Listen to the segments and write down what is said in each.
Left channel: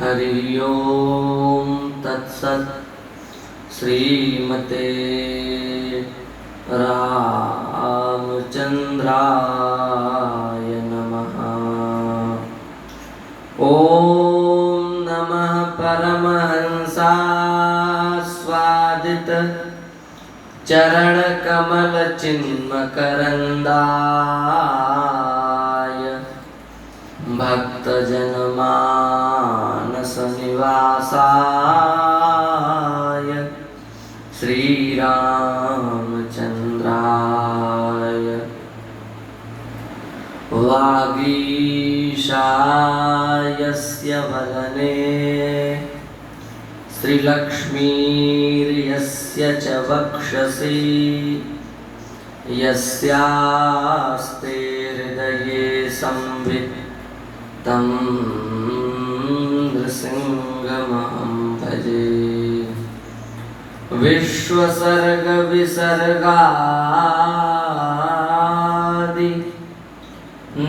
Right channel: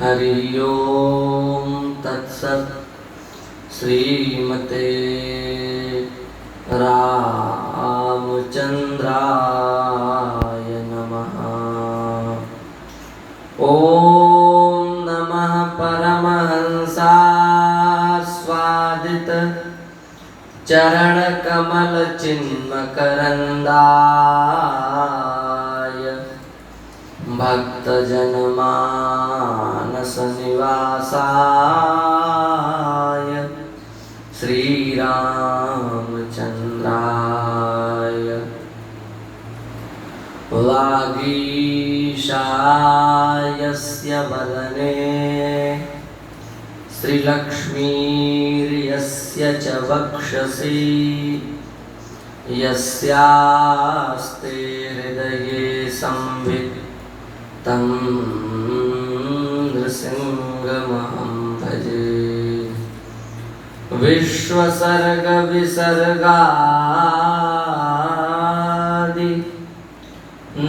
हरि ओम तत्सत्। श्रीमते रामचंद्राय नमः। ओम नमः परमहंसास्वादित चरण कमल चिन्मकरंदाय भक्तजनमानस निवासाय श्रीरामचंद्राय वागीशायस्य वदने श्रीलक्ष्मीर्यस्य च वक्षसि यस्यास्ते हृदये संवित् तं नृसिंहमहं भजे। विश्वसर्गविसर्गादि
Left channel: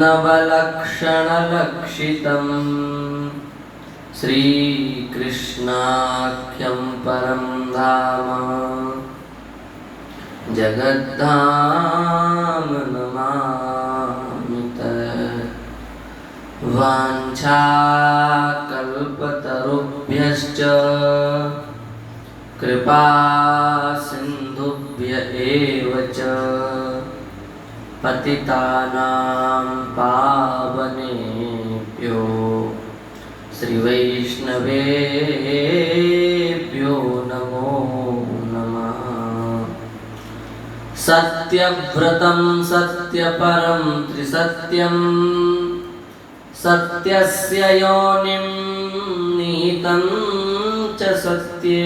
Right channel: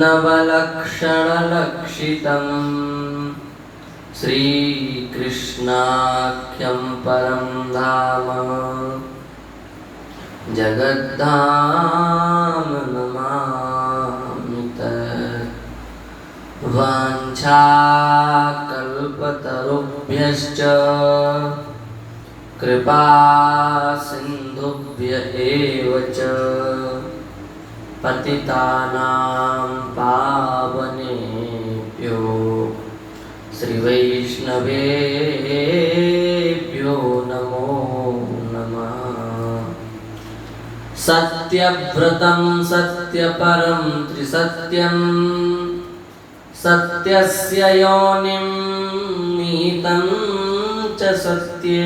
नवलक्षणलक्षितं श्रीकृष्णाख्यं परं धाम जगद्धाम नमामि तत्। वाञ्छाकल्पतरुभ्यश्च कृपा सिन्धुभ्य एव च पतितानां पावनेभ्यो श्रीवैष्णवेभ्यो नमो नमः। सत्यव्रतं सत्यपरं त्रिसत्यं सत्यस्य योनिं निहितं च सत्ये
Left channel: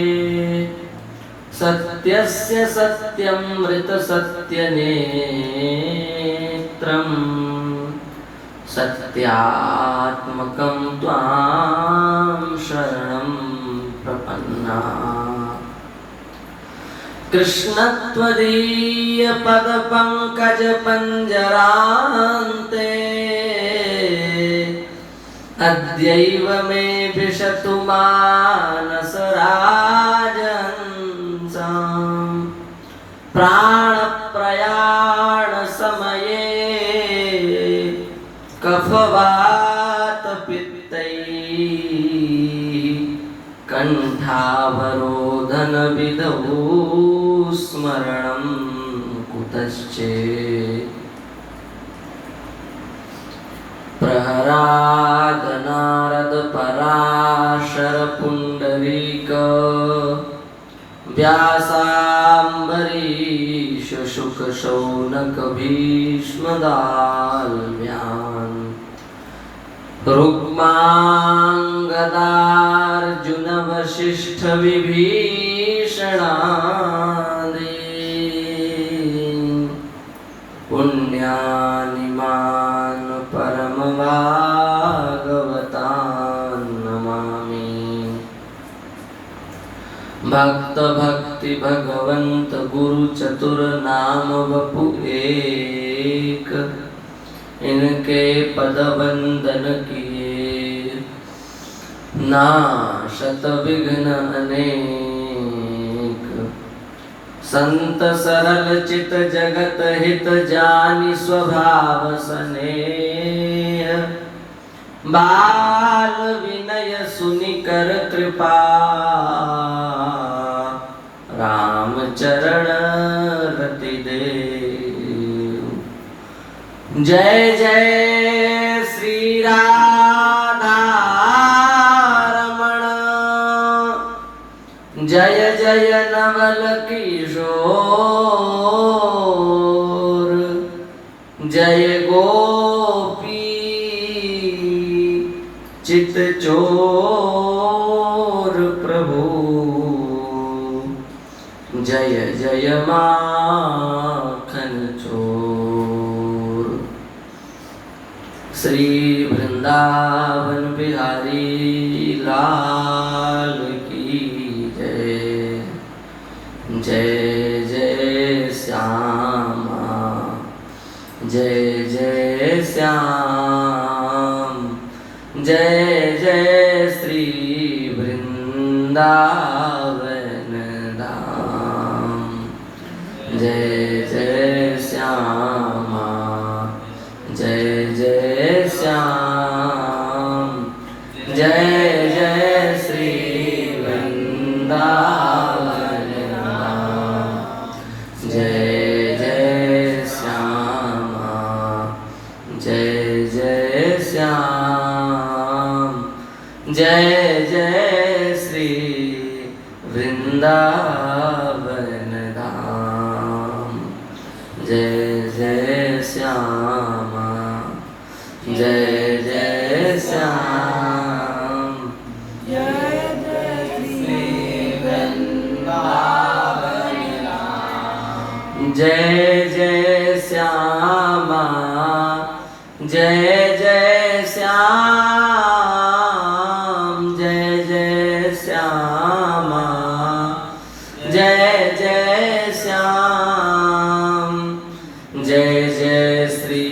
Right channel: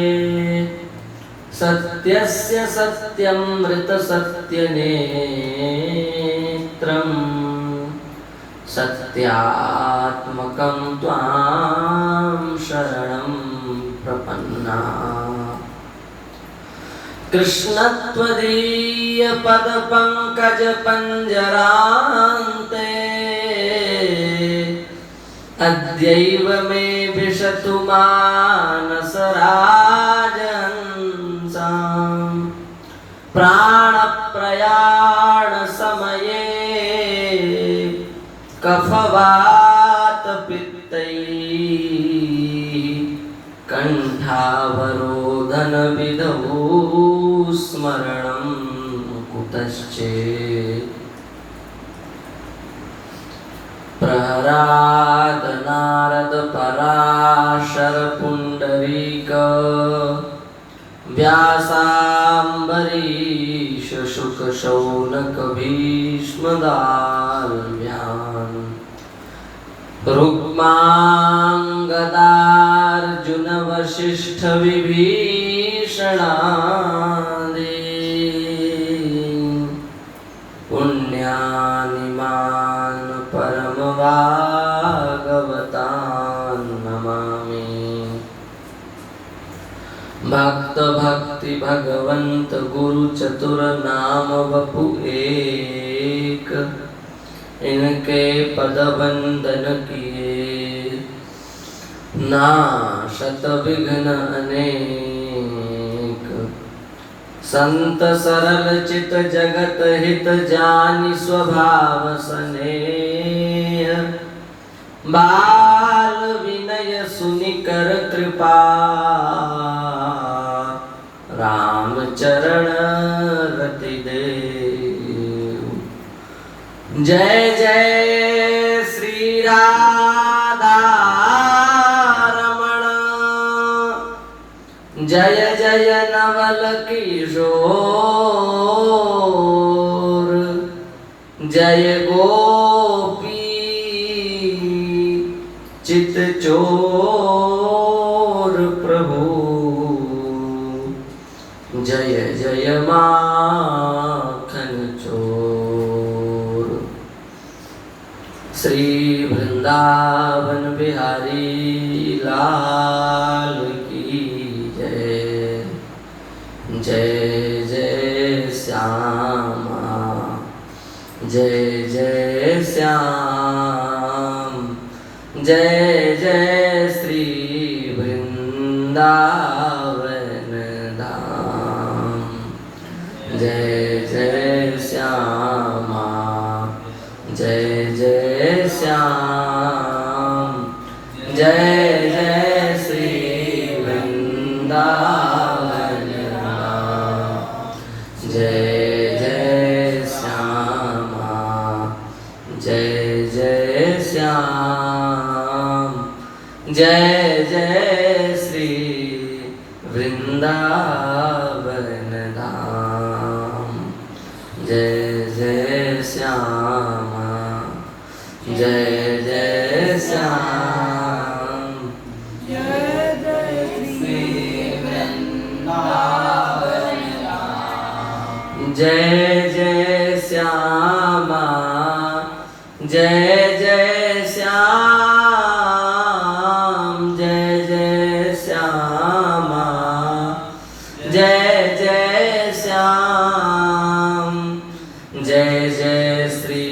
सत्यस्य सत्यमृतसत्यनेत्रं सत्यात्मकं त्वां शरणं प्रपन्ना। कृष्ण त्वदीय पदपङ्कज पंजरान्ते अद्यैव मे विशतु मानसराजहंसाम्। प्राणप्रयाण समये कफवातपित्तैः कण्ठावरोधन विधौ स्मरणं कुतश्चेत्। प्रहराद नारद पराशर पुंडरीक व्यासाम्बरीश शुक शौनक भीष्मदाल्भ्यान् रुक्माङ्गदार्जुन वसिष्ठ विभीषणादि पुण्यानिमान् परम भागवतान् नमामि। भक्त भक्ति भगवंत गुरु चतुर नाम वपु एक इनके पद वंदन किए नाशत विघ्न अनेक। संत सरल चित जगत हित जानि स्वभाव सनेह। बाल विनय सुनिकर कृपा रामचरण रति देव। जय जय श्री राधा रमण जय जय नवल किशोर जय गोपी चित चोर प्रभु जय जय माखन चोर। श्री वृंदावन बिहारी लाल की जय। जय जय श्यामा जय जय श्याम जय जय श्री वृंदावन धाम। जय जय श्यामा जय जय श्याम, जय जय श्री वृंदावन धाम। जय जय श्यामा जय जय श्याम, जय जय श्री वृंदावन धाम। जय जय श्यामा जय जय श्याम, जय जय श्री वृंदावन धाम। जय जय श्यामा जय जय श्याम, जय जय श्यामा जय जय श्याम, जय जय श्री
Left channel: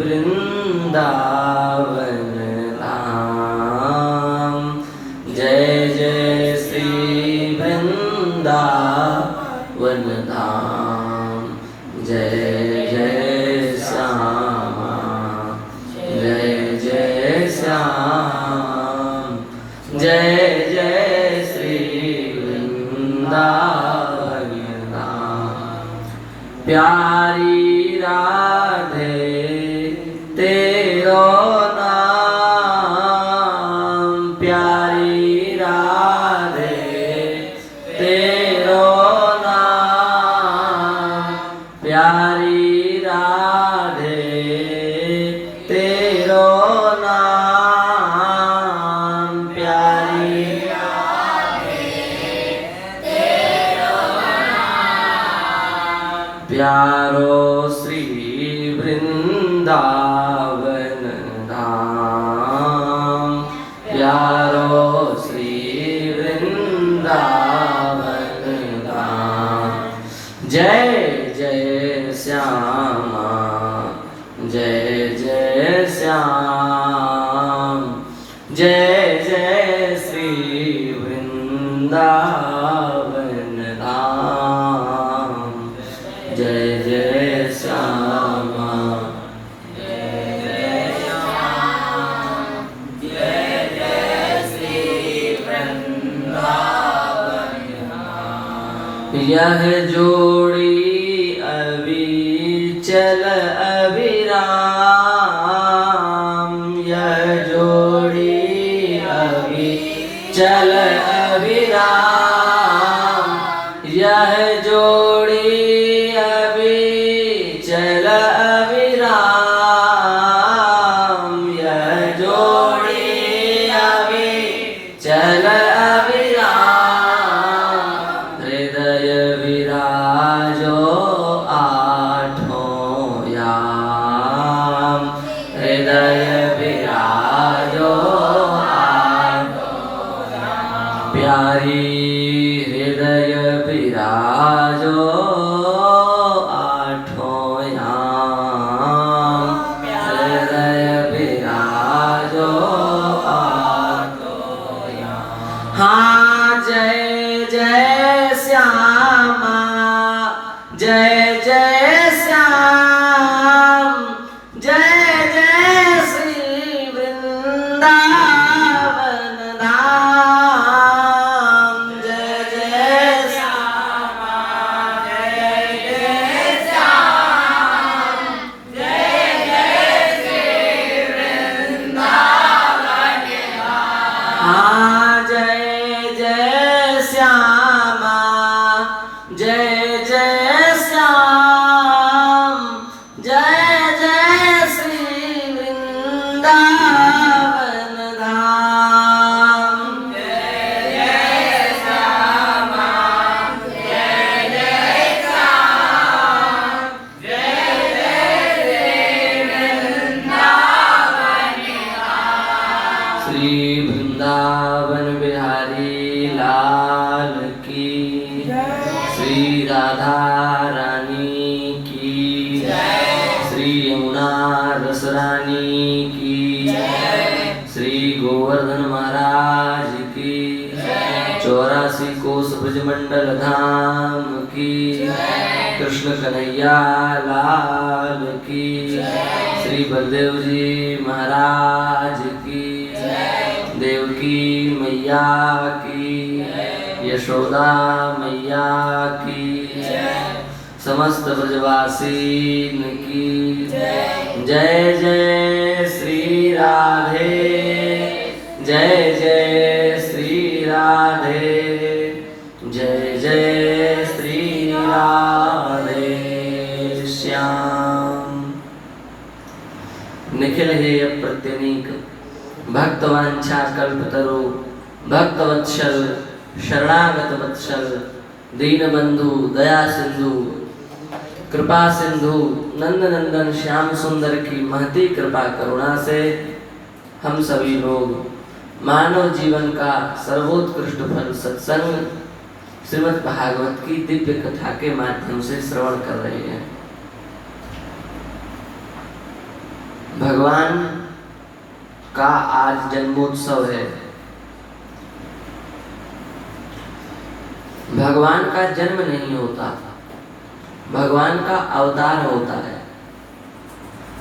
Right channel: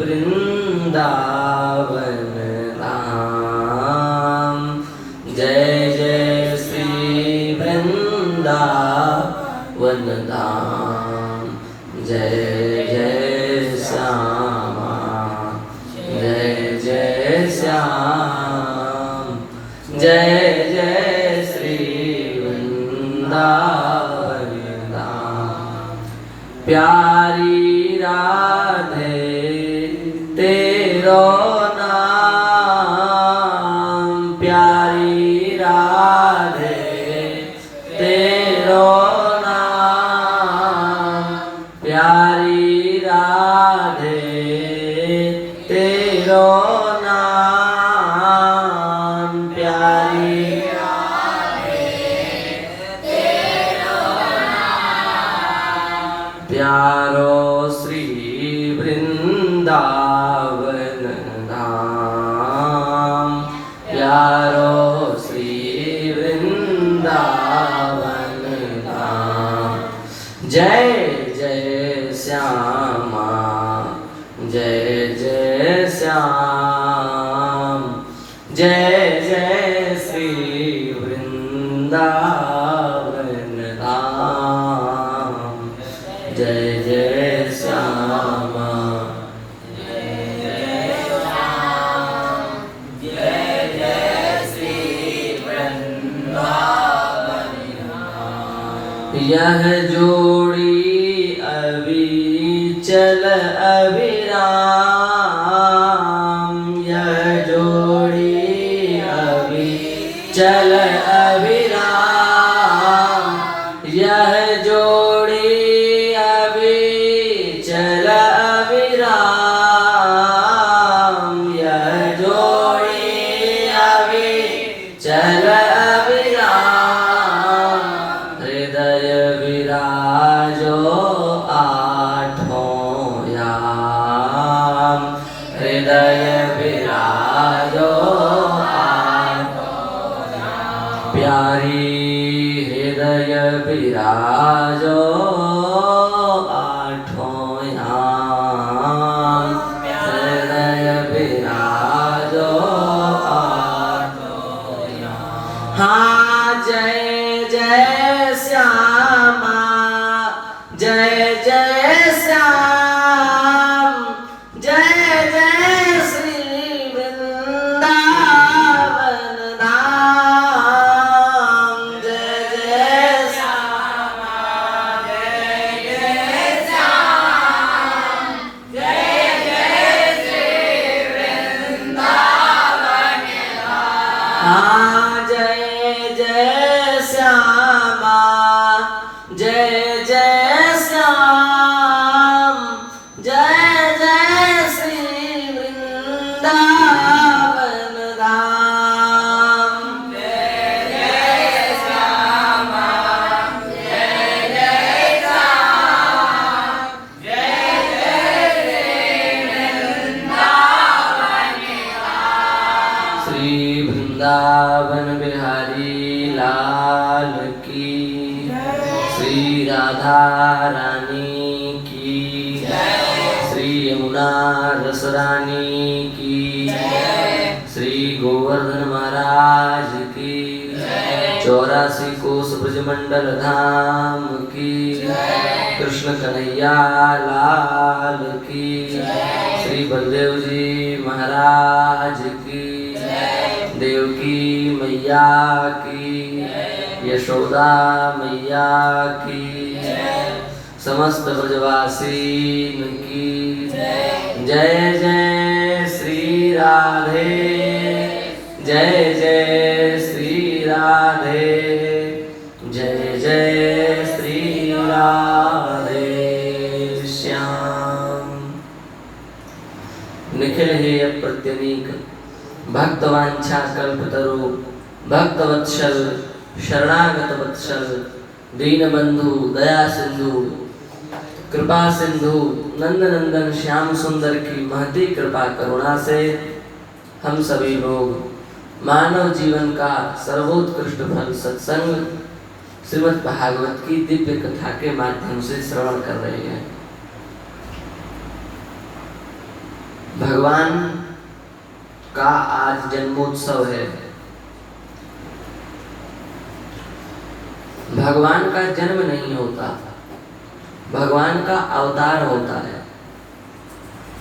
वृंदावन धाम। जय जय श्री वृंदावन धाम। जय जय श्यामा जय जय श्याम, जय जय श्री वृंदावन धाम। प्यारी राधे तेरो नाम, प्यारी राधे तेरो नाम, प्यारी राधे तेरो नाम, प्यारी राधे तेरो नाम। प्यारो श्री वृंदावन धाम, प्यारो श्री वृंदावन धाम। जय जय श्यामा जय जय श्याम, जय जय श्री वृंदावन धाम। जय जय श्यामा जय जय श्याम, जय जय श्री वृंदावन धाम। यह जोड़ी अविचल अविराम, यह जोड़ी अविचल अविराम, यह जोड़ी अविचल अविराम, यह जोड़ी अविचल अविराम। हृदय विराजो आठों याम, हृदय विराजो आठों याम। प्यारी हृदय विराजो आठों याम, हृदय विराजो आठों याम। हाँ जय जय श्यामा जय जय श्याम, जय जय श्री वृंदावन धाम। जय जय श्यामा जय जय श्याम, जय जय श्री वृंदावन धाम। हाँ जय जय श्यामा जय जय श्याम, जय जय श्री वृंदावन धाम। जय जय श्यामा जय जय श्याम, जय जय श्री वृंदावन धाम। श्री वृंदावन बिहारी लाल की, श्री राधा रानी की, श्री यमुना रसरानी की, श्री गोवर्धन महाराज की, 84 कोस ब्रजमंडल धाम की, कृष्ण कन्हैया लाल की, श्री बलदेव जी महाराज की, देवकी मैया की, यशोदा मैया की, समस्त ब्रजवासी की जय जय श्री राधे, जय जय श्री राधे, जय जय श्री राधे श्याम। निखिल हे प्रत्यनीक भक्तवांछा कल्पतरु, भक्तवत्सल शरणागत वत्सल, दीनबंधु दया सिंधु, कृपा सिंधु नंद नंदन श्याम सुंदर की महती कृपा करुणा से हम सभी लोग मानव जीवन का सर्वोत्कृष्ट फल सत्संग श्रीमद् भागवत की दिव्य कथा के माध्यम से श्रवण कर रहे हैं। भगवान का आज जन्मोत्सव है। भगवान का जन्म नहीं होता, भगवान का अवतार होता है।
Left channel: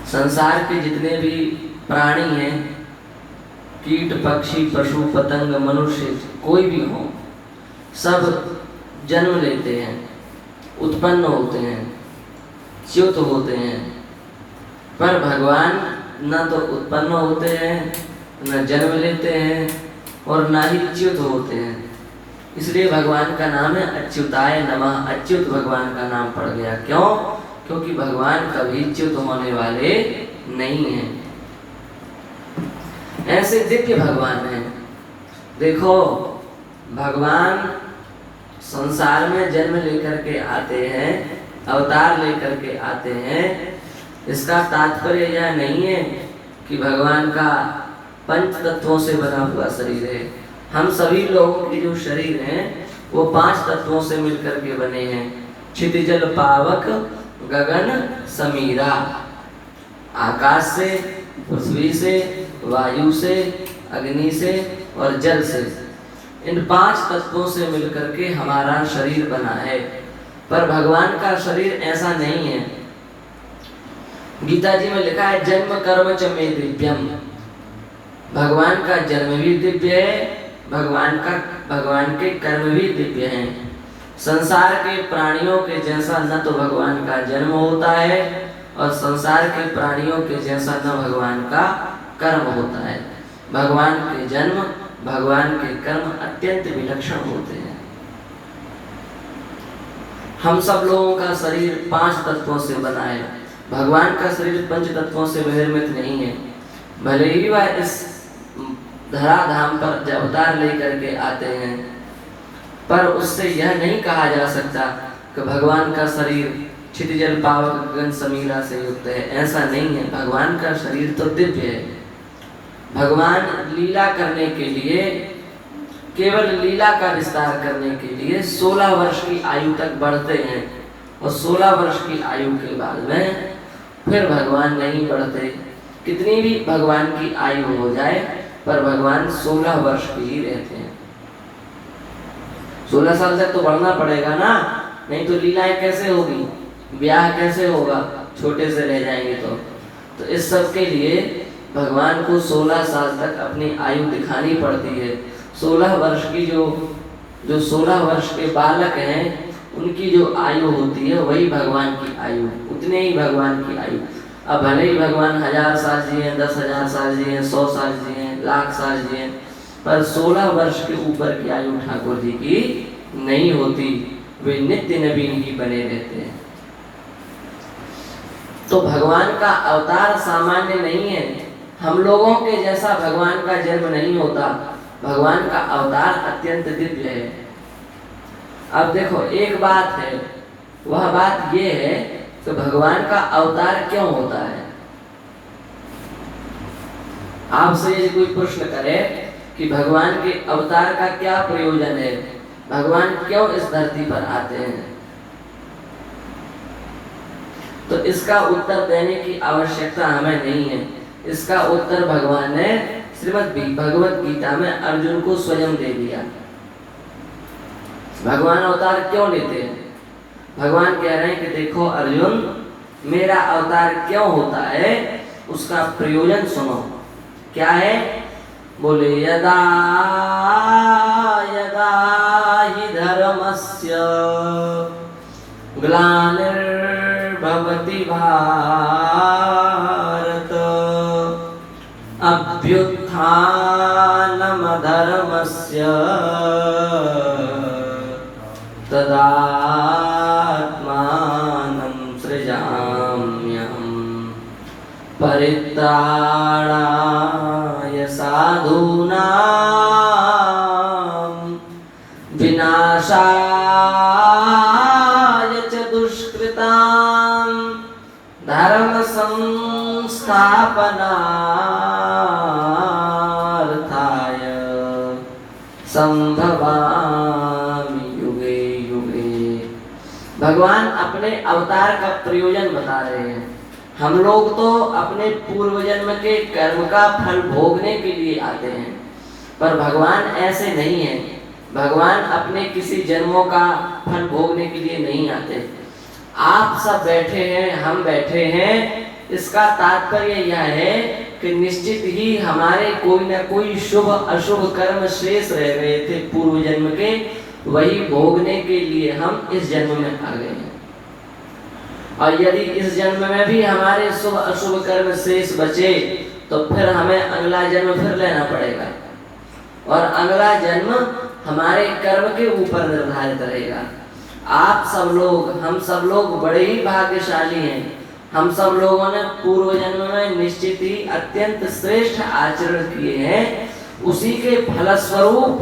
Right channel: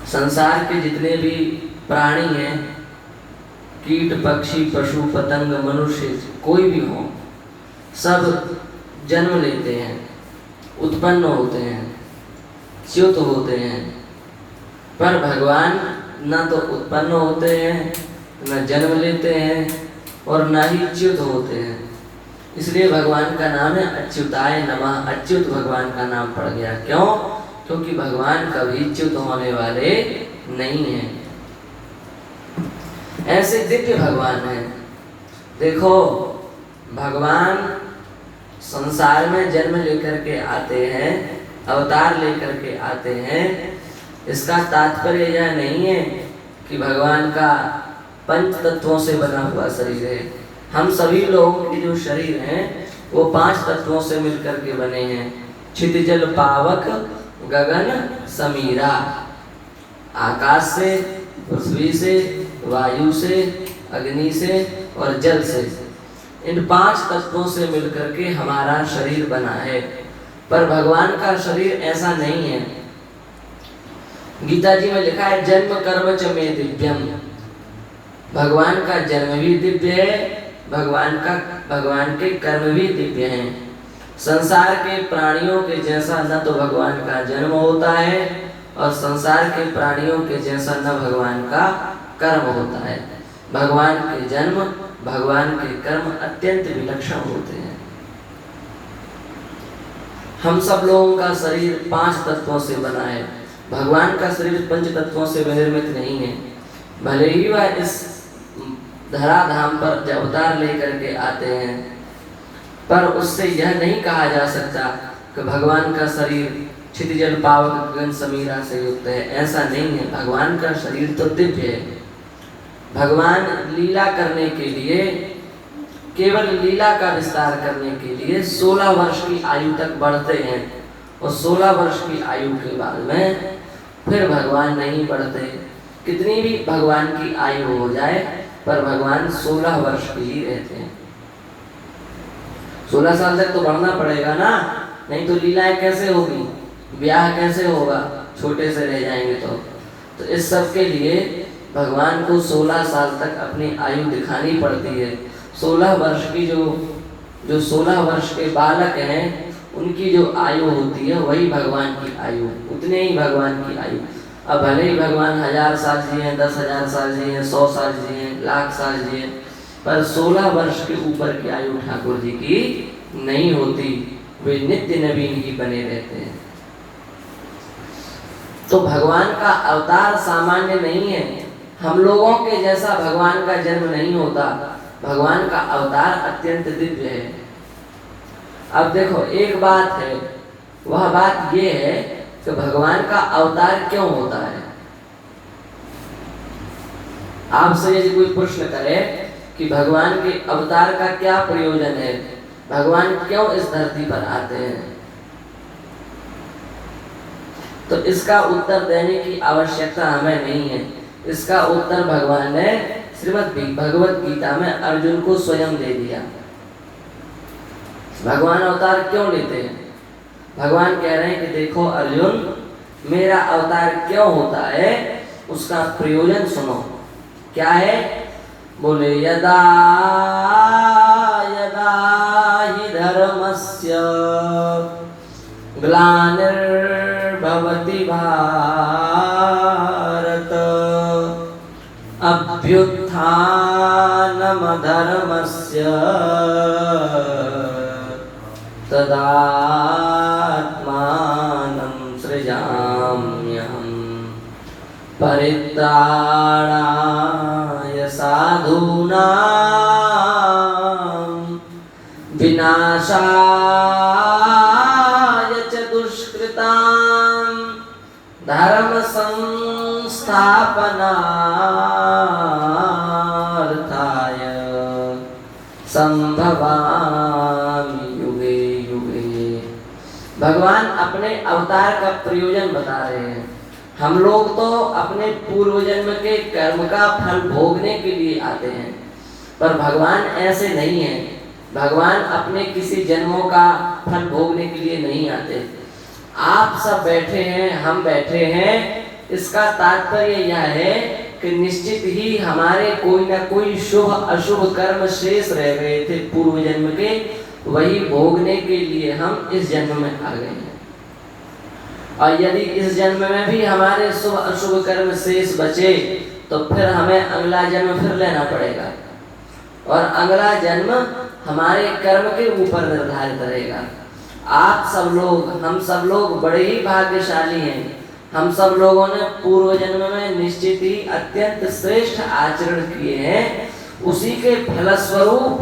संसार के जितने भी प्राणी हैं, कीट पक्षी पशु पतंग मनुष्य कोई भी हो, सब जन्म लेते हैं, उत्पन्न होते हैं, च्युत होते हैं, पर भगवान न तो उत्पन्न होते हैं, न जन्म लेते हैं और न ही च्युत होते हैं। इसलिए भगवान का नाम है अच्युताय नमः। अच्युत भगवान का नाम पड़ गया। क्यों? क्योंकि भगवान कभी च्युत होने वाले नहीं हैं। ऐसे दिव्य भगवान हैं। देखो, भगवान संसार में जन्म लेकर के आते हैं, अवतार लेकर के आते हैं। इसका तात्पर्य यह नहीं है कि भगवान का पंच तत्वों से बना हुआ शरीर है। हम सभी लोगों के जो शरीर हैं वो 5 तत्वों से मिलकर के बने हैं। क्षितिजल पावक गगन समीरा, आकाश से, पृथ्वी से, वायु से, अग्नि से और जल से। इन 5 तत्वों से मिलकर के हमारा शरीर बना है। पर भगवान का शरीर ऐसा नहीं है। गीता जी में लिखा है जन्म कर्म च मे दिव्यम। भगवान का जन्म भी दिव्य है, भगवान के कर्म भी दिव्य हैं। संसार के प्राणियों के जैसा न तो भगवान का जन्म होता है और संसार के प्राणियों के जैसा न भगवान का कर्म होता है। भगवान के जन्म, भगवान के कर्म अत्यंत विलक्षण होते हैं। हम सब लोगों का शरीर 5 तत्वों से बना है। भगवान का शरीर 5 तत्वों से निर्मित नहीं है। भले ही वह इस धराधाम पर अवतार लेकर के आते हैं, पर उससे यह नहीं कहा जा सकता कि भगवान का शरीर क्षितिजल पावक गगन समीरा से युक्त है। ऐसा नहीं है। भगवान का शरीर तो दिव्य है। भगवान लीला करने के लिए, केवल लीला का विस्तार करने के लिए 16 वर्ष की आयु तक बढ़ते हैं और 16 वर्ष की आयु के बाद में फिर भगवान नहीं बढ़ते। कितनी भी भगवान की आयु हो जाए पर भगवान 16 वर्ष के ही रहते हैं। 16 साल तक तो बढ़ना पड़ेगा ना, नहीं तो लीलाएं कैसे होगी, ब्याह कैसे होगा, छोटे से रह जाएंगे तो इस सब के लिए भगवान को 16 साल तक अपनी आयु दिखानी पड़ती है। 16 वर्ष की जो 16 वर्ष के बालक हैं उनकी जो आयु होती है वही भगवान की आयु, उतने ही भगवान की आयु। अब भले ही भगवान 1000 साल जिए, 10,000 साल जिए, 100 साल जिए, लाख साल जिए, पर 16 वर्ष के ऊपर की आयु ठाकुर जी की नहीं होती। वे नित्य नवीन ही बने रहते हैं। तो भगवान का अवतार सामान्य नहीं है। हम लोगों के जैसा भगवान का जन्म नहीं होता। भगवान का अवतार अत्यंत दिव्य है। अब देखो, एक बात है, वह बात ये है कि भगवान का अवतार क्यों होता है। आपसे यदि कोई प्रश्न करे कि भगवान के अवतार का क्या प्रयोजन है, भगवान क्यों इस धरती पर आते हैं, तो इसका उत्तर देने की आवश्यकता हमें नहीं है। इसका उत्तर भगवान ने श्रीमद् भगवत गीता में अर्जुन को स्वयं दे दिया। भगवान अवतार क्यों लेते हैं? भगवान कह रहे हैं कि देखो अर्जुन, मेरा अवतार क्यों होता है उसका प्रयोजन सुनो। क्या है? बोले यदा यदा हि धर्मस्य ग्लानिर्भवति भारत अभ्युत्थानमधर्मस्य तदात्मानं सृजाम्यहम् परित्राणाय साधूनां विनाशाय च दुष्कृतां धर्म संस्थापनार्थाय संभवामि युगे युगे। भगवान अपने अवतार का प्रयोजन बता रहे हैं। हम लोग तो अपने पूर्व जन्म के कर्म का फल भोगने के लिए आते हैं, पर भगवान ऐसे नहीं है। भगवान अपने किसी जन्मों का फल भोगने के लिए नहीं आते। आप सब बैठे हैं, हम बैठे हैं, इसका तात्पर्य यह है कि निश्चित ही हमारे कोई ना कोई शुभ अशुभ कर्म शेष रह गए थे पूर्व जन्म के, वही भोगने के लिए हम इस जन्म में आ गए हैं। और यदि इस जन्म में भी हमारे शुभ अशुभ कर्म शेष बचे तो फिर हमें अगला जन्म फिर लेना पड़ेगा, और अगला जन्म हमारे कर्म के ऊपर निर्धारित रहेगा। आप सब लोग, हम सब लोग बड़े ही भाग्यशाली हैं। हम सब लोगों ने पूर्व जन्म में निश्चित ही अत्यंत श्रेष्ठ आचरण किए हैं। उसी के फलस्वरूप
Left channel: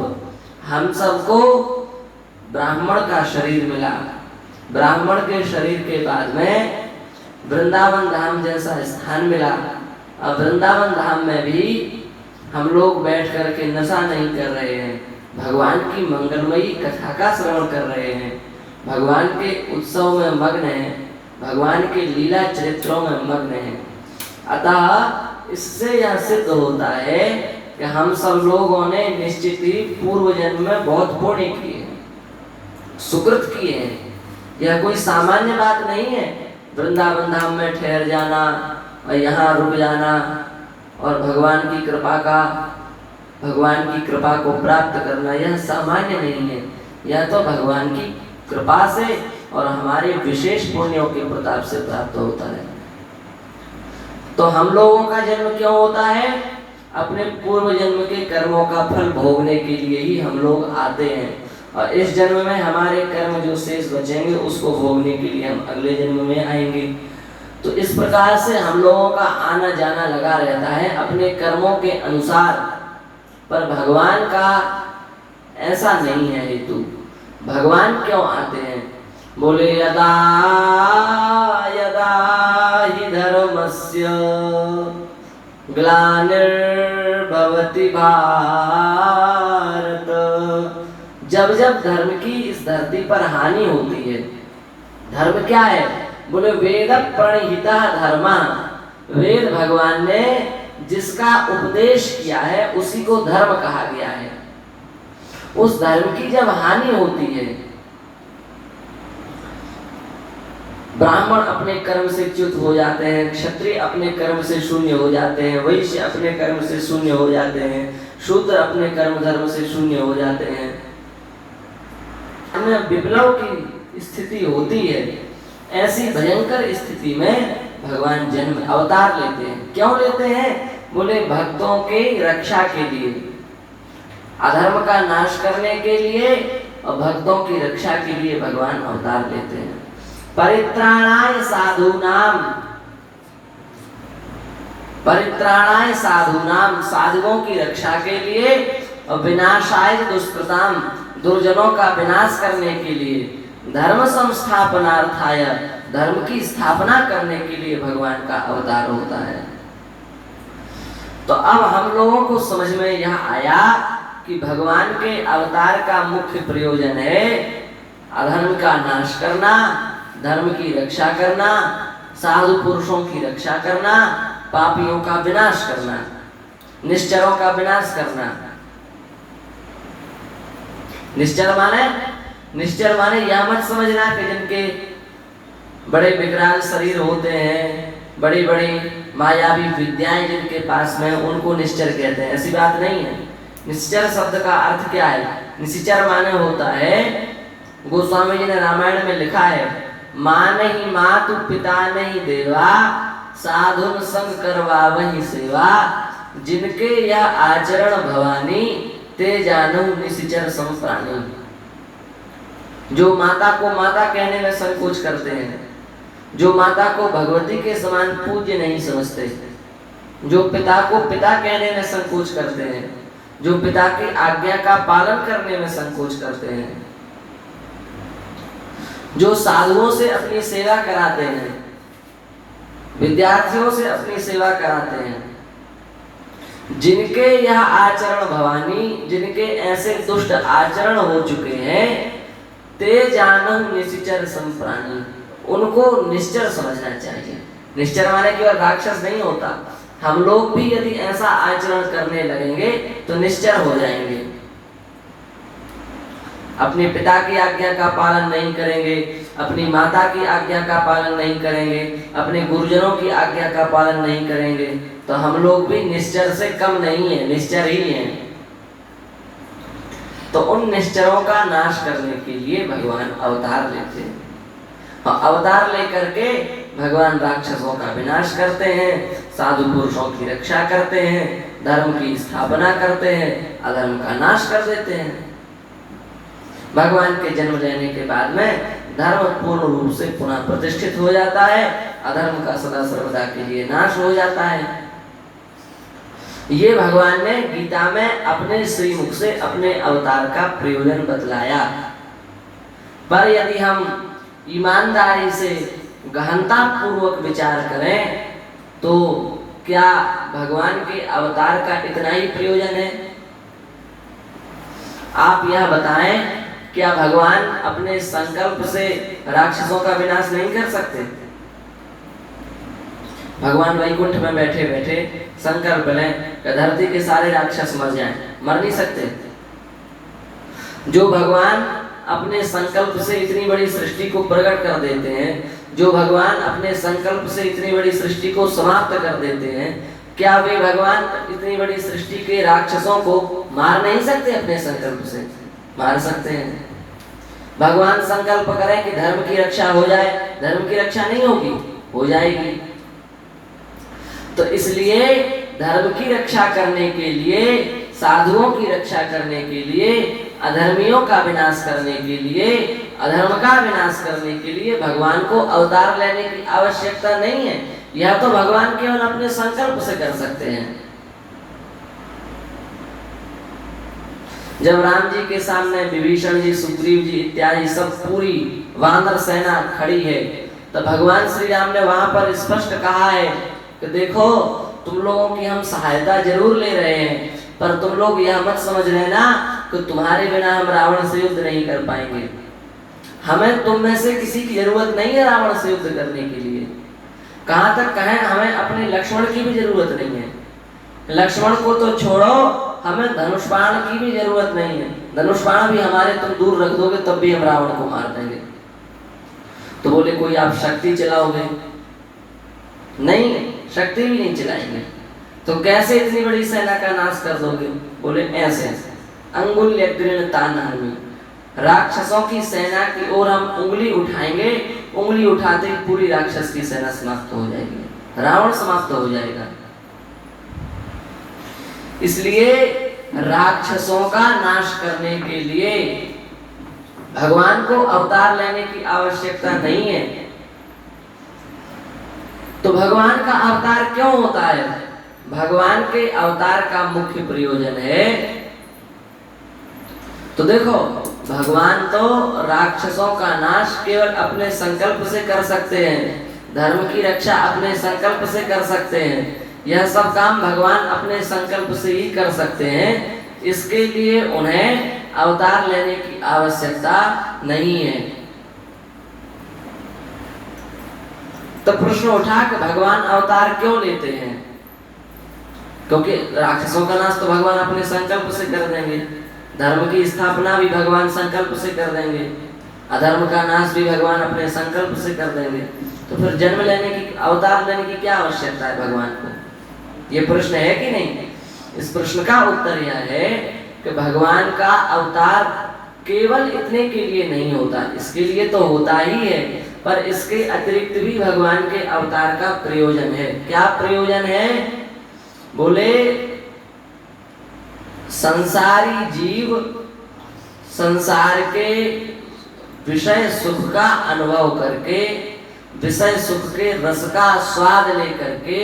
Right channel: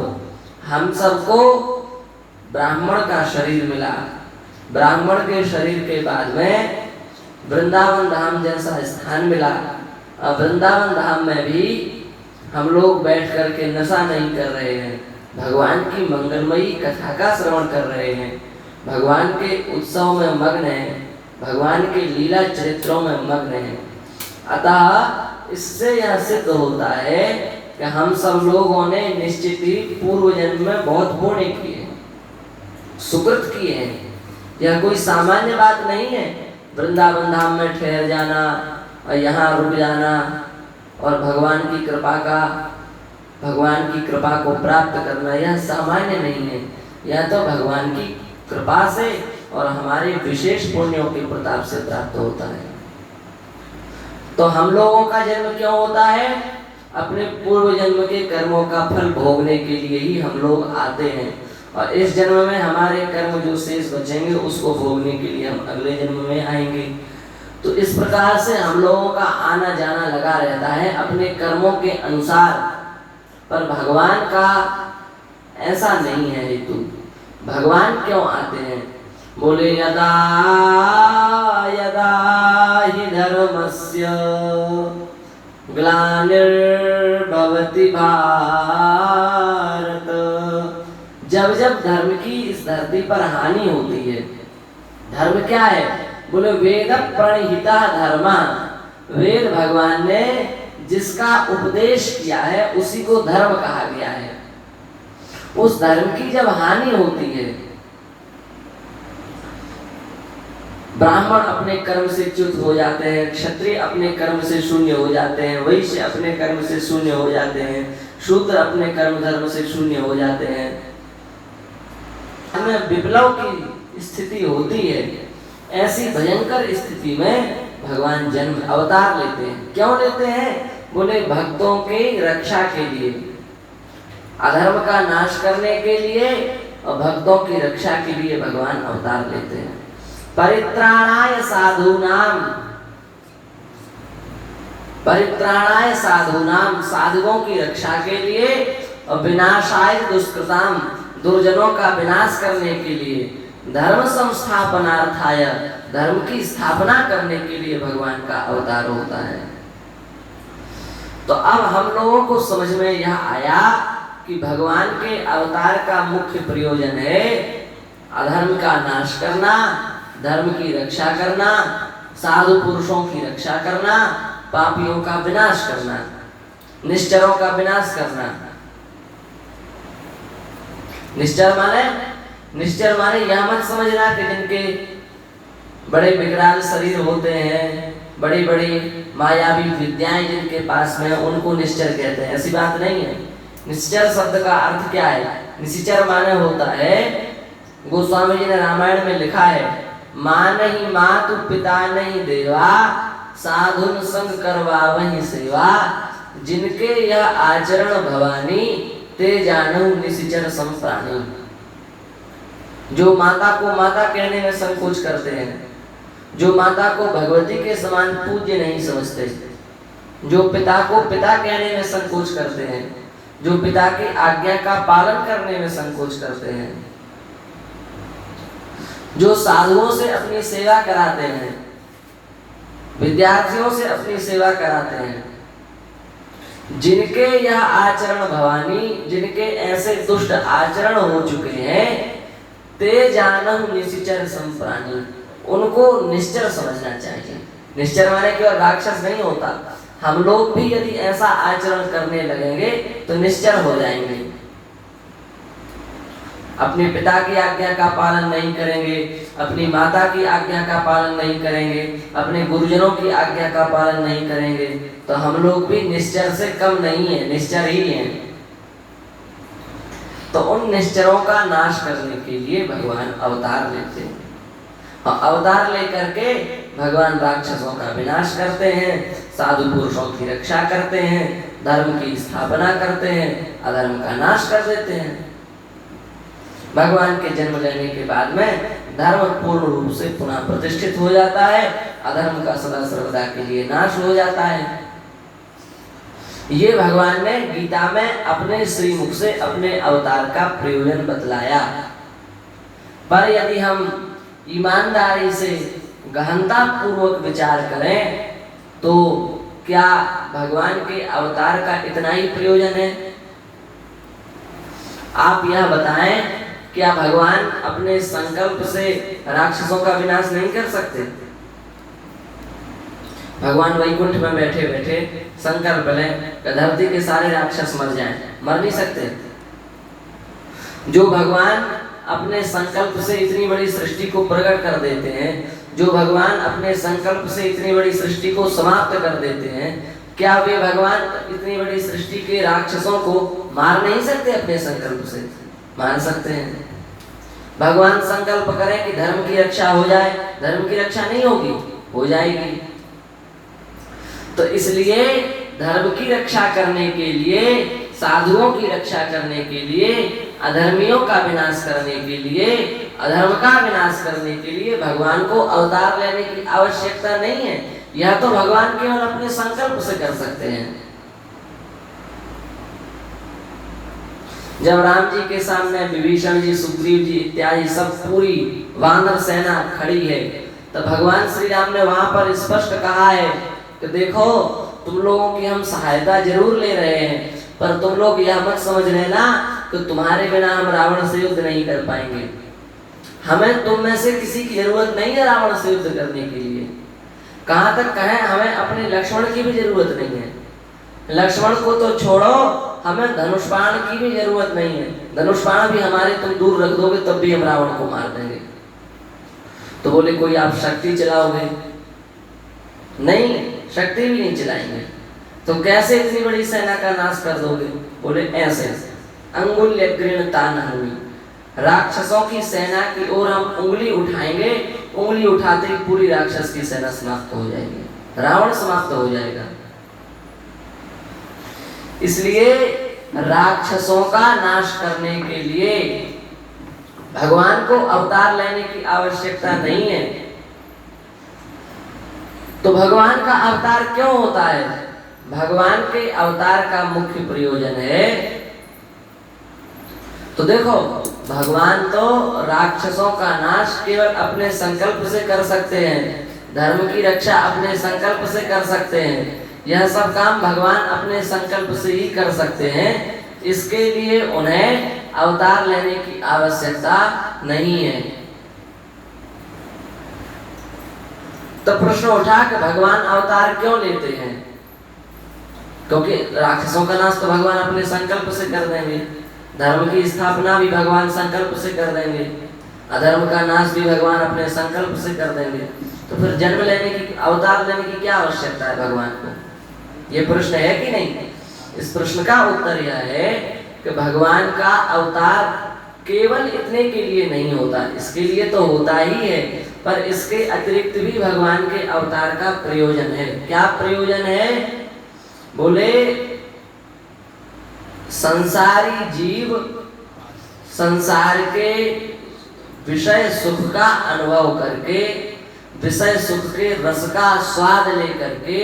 हम सबको ब्राह्मण का शरीर मिला। ब्राह्मण के शरीर के बाद में वृंदावन धाम जैसा स्थान मिला। अब वृंदावन धाम में भी हम लोग बैठ करके नशा नहीं कर रहे हैं, भगवान की मंगलमयी कथा का श्रवण कर रहे हैं, भगवान के उत्सव में मग्न हैं, भगवान के लीला चरित्रों में मग्न हैं। अतः इससे यह सिद्ध होता है कि हम सब लोगों ने निश्चित ही पूर्व जन्म में बहुत पुण्य किए, सुकृत किए हैं। यह कोई सामान्य बात नहीं है वृंदावन धाम में ठहर जाना और यहाँ रुक जाना और भगवान की कृपा को प्राप्त करना। यह सामान्य नहीं है, यह तो भगवान की कृपा से और हमारे विशेष पुण्यों के प्रताप से प्राप्त होता है। तो हम लोगों का जन्म क्यों होता है? अपने पूर्व जन्म के कर्मों का फल भोगने के लिए ही हम लोग आते हैं, और इस जन्म में हमारे कर्म जो शेष बचेंगे उसको भोगने के लिए हम अगले जन्म में आएंगे। तो इस प्रकार से हम लोगों का आना जाना लगा रहता है अपने कर्मों के अनुसार, पर भगवान का ऐसा नहीं है हेतु। भगवान क्यों आते हैं? बोले यदा यदा हि धर्मस्य ग्लानिर्भवति भारत। जब जब धर्म की इस धरती पर हानि होती है। धर्म क्या है? बोले वेद प्रणहिता धर्म। वेद भगवान ने जिसका उपदेश किया है उसी को धर्म कहा गया है। उस धर्म की जब हानि होती है, ब्राह्मण अपने कर्म से च्युत हो जाते हैं, क्षत्रिय अपने कर्म से शून्य हो जाते हैं, वैश्य अपने कर्म से शून्य हो जाते हैं, शूद्र अपने कर्म धर्म से शून्य हो जाते हैं। हमें विप्लव की स्थिति होती है। ऐसी भयंकर स्थिति में भगवान जन्म अवतार लेते हैं। क्यों लेते हैं? बोले भक्तों की रक्षा के लिए, अधर्म का नाश करने के लिए और भक्तों की रक्षा के लिए भगवान अवतार लेते हैं। परित्राणाय साधूनाम, परित्राणाय साधूनाम, साधुओं की रक्षा के लिए, और विनाशाय दुष्कृताम, दुर्जनों का विनाश करने के लिए, धर्म संस्थापनार्थाय, धर्म की स्थापना करने के लिए भगवान का अवतार होता है। तो अब हम लोगों को समझ में यह आया कि भगवान के अवतार का मुख्य प्रयोजन है अधर्म का नाश करना, धर्म की रक्षा करना, साधु पुरुषों की रक्षा करना, पापियों का विनाश करना, निश्चरों का विनाश करना। निश्चर माने निश्चर माने यह मत समझना कि जिनके बड़े विकराल शरीर होते हैं, बड़ी बड़ी मायावी विद्याएं जिनके पास में, उनको निश्चर कहते हैं, ऐसी बात नहीं है। निश्चर शब्द का अर्थ क्या है? निश्चर माने होता है, गोस्वामी जी ने रामायण में लिखा है, मान ही मातु पिता नहीं देवा, साधुन संग करवा वही सेवा, जिनके यह आचरण भवानी, ते जानू निश्चर संप्राणी। जो माता को माता कहने में संकोच करते हैं, जो माता को भगवती के समान पूज्य नहीं समझते, जो पिता को पिता कहने में संकोच करते हैं, जो पिता की आज्ञा का पालन करने में संकोच करते हैं, जो साधुओं से अपनी सेवा कराते हैं, विद्यार्थियों से अपनी सेवा कराते हैं, जिनके यह आचरण भवानी, जिनके ऐसे दुष्ट आचरण हो चुके हैं, ते जानम निश्चर संप्राणी, उनको निश्चर समझना चाहिए। निश्चर माने केवल राक्षस नहीं होता, हम लोग भी यदि ऐसा आचरण करने लगेंगे तो निश्चर हो जाएंगे। अपने पिता की आज्ञा का पालन नहीं करेंगे, अपनी माता की आज्ञा का पालन नहीं करेंगे, अपने गुरुजनों की आज्ञा का पालन नहीं करेंगे, तो हम लोग भी निश्चर से कम नहीं है, निश्चर ही हैं। तो उन निश्चरों का नाश करने के लिए भगवान अवतार लेते हैं, और अवतार लेकर के भगवान राक्षसों का विनाश करते हैं, साधु पुरुषों की रक्षा करते हैं, धर्म की स्थापना करते हैं, अधर्म का नाश कर देते हैं। भगवान के जन्म लेने के बाद में धर्म पूर्ण रूप से पुनः प्रतिष्ठित हो जाता है, अधर्म का सदा सर्वदा के लिए नाश हो जाता है। ये भगवान ने गीता में अपने श्रीमुख से अपने अवतार का प्रयोजन बतलाया। पर यदि हम ईमानदारी से गहनता पूर्वक विचार करें तो क्या भगवान के अवतार का इतना ही प्रयोजन है? आप यह बताएं, क्या भगवान अपने संकल्प से राक्षसों का विनाश नहीं कर सकते? भगवान वैकुंठ में बैठे बैठे संकल्प लें कि धरती के सारे राक्षस मर जाएं, मर नहीं सकते। जो भगवान अपने संकल्प से इतनी बड़ी सृष्टि को प्रकट कर देते हैं, जो भगवान अपने संकल्प से इतनी बड़ी सृष्टि को समाप्त कर देते हैं, क्या वे भगवान इतनी बड़ी सृष्टि के राक्षसों को मार नहीं सकते? अपने संकल्प से मार सकते हैं। भगवान संकल्प करें कि धर्म की रक्षा हो जाए, धर्म की रक्षा नहीं होगी, हो जाएगी। तो इसलिए धर्म की रक्षा करने के लिए, साधुओं की रक्षा करने के लिए, अधर्मियों का विनाश करने के लिए, अधर्म का विनाश करने के लिए भगवान को अवतार लेने की आवश्यकता नहीं है। यह तो भगवान केवल अपने संकल्प से कर सकते हैं। जब राम जी के सामने विभीषण जी, सुग्रीव जी इत्यादि सब पूरी वानर सेना खड़ी है, तो भगवान श्री राम ने वहां पर स्पष्ट कहा है कि देखो, तुम लोगों की हम सहायता जरूर ले रहे हैं, पर तुम लोग यह मत समझ लेना कि तुम्हारे बिना हम रावण से युद्ध नहीं कर पाएंगे। हमें तुम में से किसी की जरूरत नहीं है रावण से युद्ध करने के लिए। कहां तक कहें, हमें अपने लक्ष्मण की भी जरूरत नहीं है। लक्ष्मण को तो छोड़ो, हमें धनुष बाण की भी जरूरत नहीं है। धनुष बाण भी हमारे तुम दूर रख दोगे तब भी हम रावण को मार देंगे। तो बोले कोई आप शक्ति चलाओगे? नहीं, शक्ति भी नहीं चलाएंगे। तो कैसे इतनी बड़ी सेना का नाश कर दोगे? बोले ऐसे, अंगुल्य तानहमी, राक्षसों की सेना की ओर हम उंगली उठाएंगे, उंगली उठाते ही पूरी राक्षस की सेना समाप्त हो जाएगी, रावण समाप्त हो जाएगा। इसलिए राक्षसों का नाश करने के लिए भगवान को अवतार लेने की आवश्यकता नहीं है। तो भगवान का अवतार क्यों होता है? भगवान के अवतार का मुख्य प्रयोजन है, तो देखो, भगवान तो राक्षसों का नाश केवल अपने संकल्प से कर सकते हैं, धर्म की रक्षा अपने संकल्प से कर सकते हैं। यह सब काम भगवान अपने संकल्प से ही कर सकते हैं। इसके लिए उन्हें अवतार लेने की आवश्यकता नहीं है। तो प्रश्न उठा कि भगवान अवतार क्यों लेते हैं? क्योंकि राक्षसों का नाश तो भगवान अपने संकल्प से कर देंगे। धर्म की स्थापना भी भगवान संकल्प से कर देंगे, अधर्म का नाश भी भगवान अपने संकल्प से कर देंगे। तो फिर जन्म लेने की, अवतार लेने की क्या आवश्यकता है भगवान को? ये प्रश्न है कि नहीं? इस प्रश्न का उत्तर यह है कि भगवान का अवतार केवल इतने के लिए नहीं होता, इसके लिए तो होता ही है, पर इसके अतिरिक्त भी भगवान के अवतार का प्रयोजन है। क्या प्रयोजन है? बोले संसारी जीव संसार के विषय सुख का अनुभव करके, विषय सुख के रस का स्वाद लेकर के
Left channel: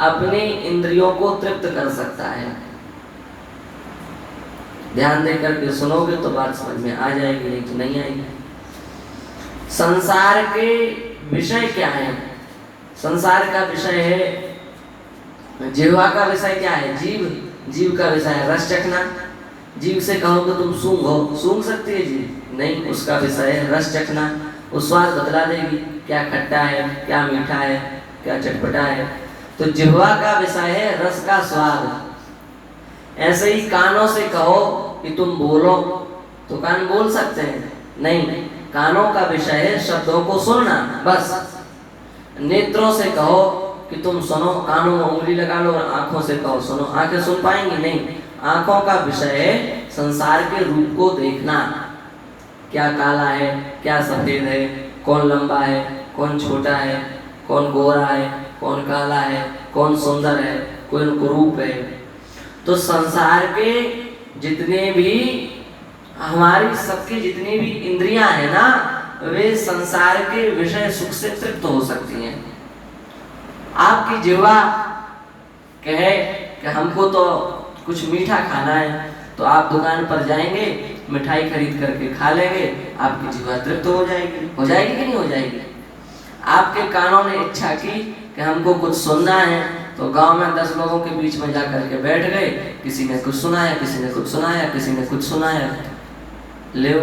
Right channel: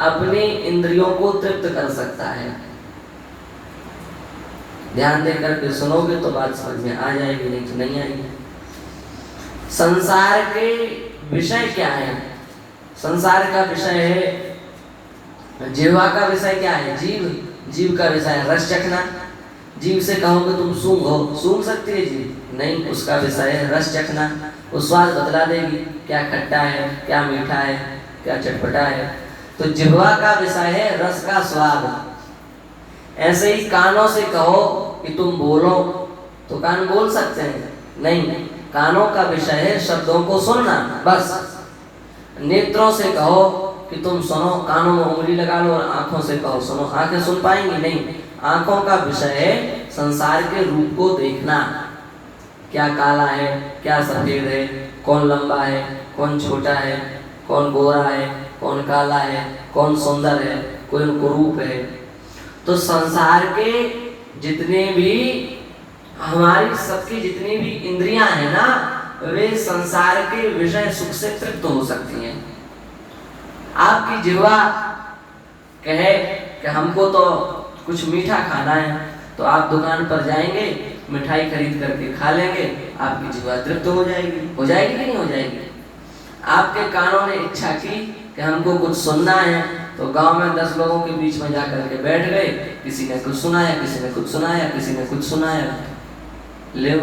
अपनी इंद्रियों को तृप्त कर सकता है। ध्यान देकर के सुनोगे तो बात समझ में आ जाएगी, नहीं तो नहीं आएगी। संसार के विषय क्या है? संसार का विषय है, जीवा का विषय क्या है? जीव। जीव का विषय है रस चखना। जीव से कहोगे तुम सूंघो, सूंघ सकती है जीव? नहीं, उसका विषय है रस चखना। वो स्वाद बतला देगी, क्या खट्टा है, क्या मीठा है, क्या चटपटा है। तो जिह्वा का विषय है रस का स्वाद। ऐसे ही कानों से कहो कि तुम बोलो, तो कान बोल सकते हैं? नहीं, कानों का विषय है शब्दों को सुनना, बस। नेत्रों से कहो कि तुम सुनो, कानों में उंगली लगा लो, और आंखों से कहो सुनो, आंखें सुन पाएंगी? नहीं, आंखों का विषय है संसार के रूप को देखना। क्या काला है, क्या सफेद है, कौन लंबा है, कौन छोटा है, कौन गोरा है, कौन काला है, कौन सुंदर है, कौन कुरूप है। तो संसार के जितने भी, हमारी सबकी जितनी भी इंद्रियां हैं ना, वे संसार के विषय सुख से तृप्त हो सकती हैं। आपकी जिह्वा कहे कि हमको तो कुछ मीठा खाना है, तो आप दुकान पर जाएंगे, मिठाई खरीद करके खा लेंगे, आपकी जिह्वा तृप्त हो जाएगी। हो जाएगी कि नहीं हो जाएगी? आपके कानों ने इच्छा की कि हमको कुछ सुनना है, तो गांव में 10 लोगों के बीच में जाकर के बैठ गए, किसी ने कुछ सुनाया, किसी ने कुछ सुनाया, किसी ने कुछ सुनाया, ले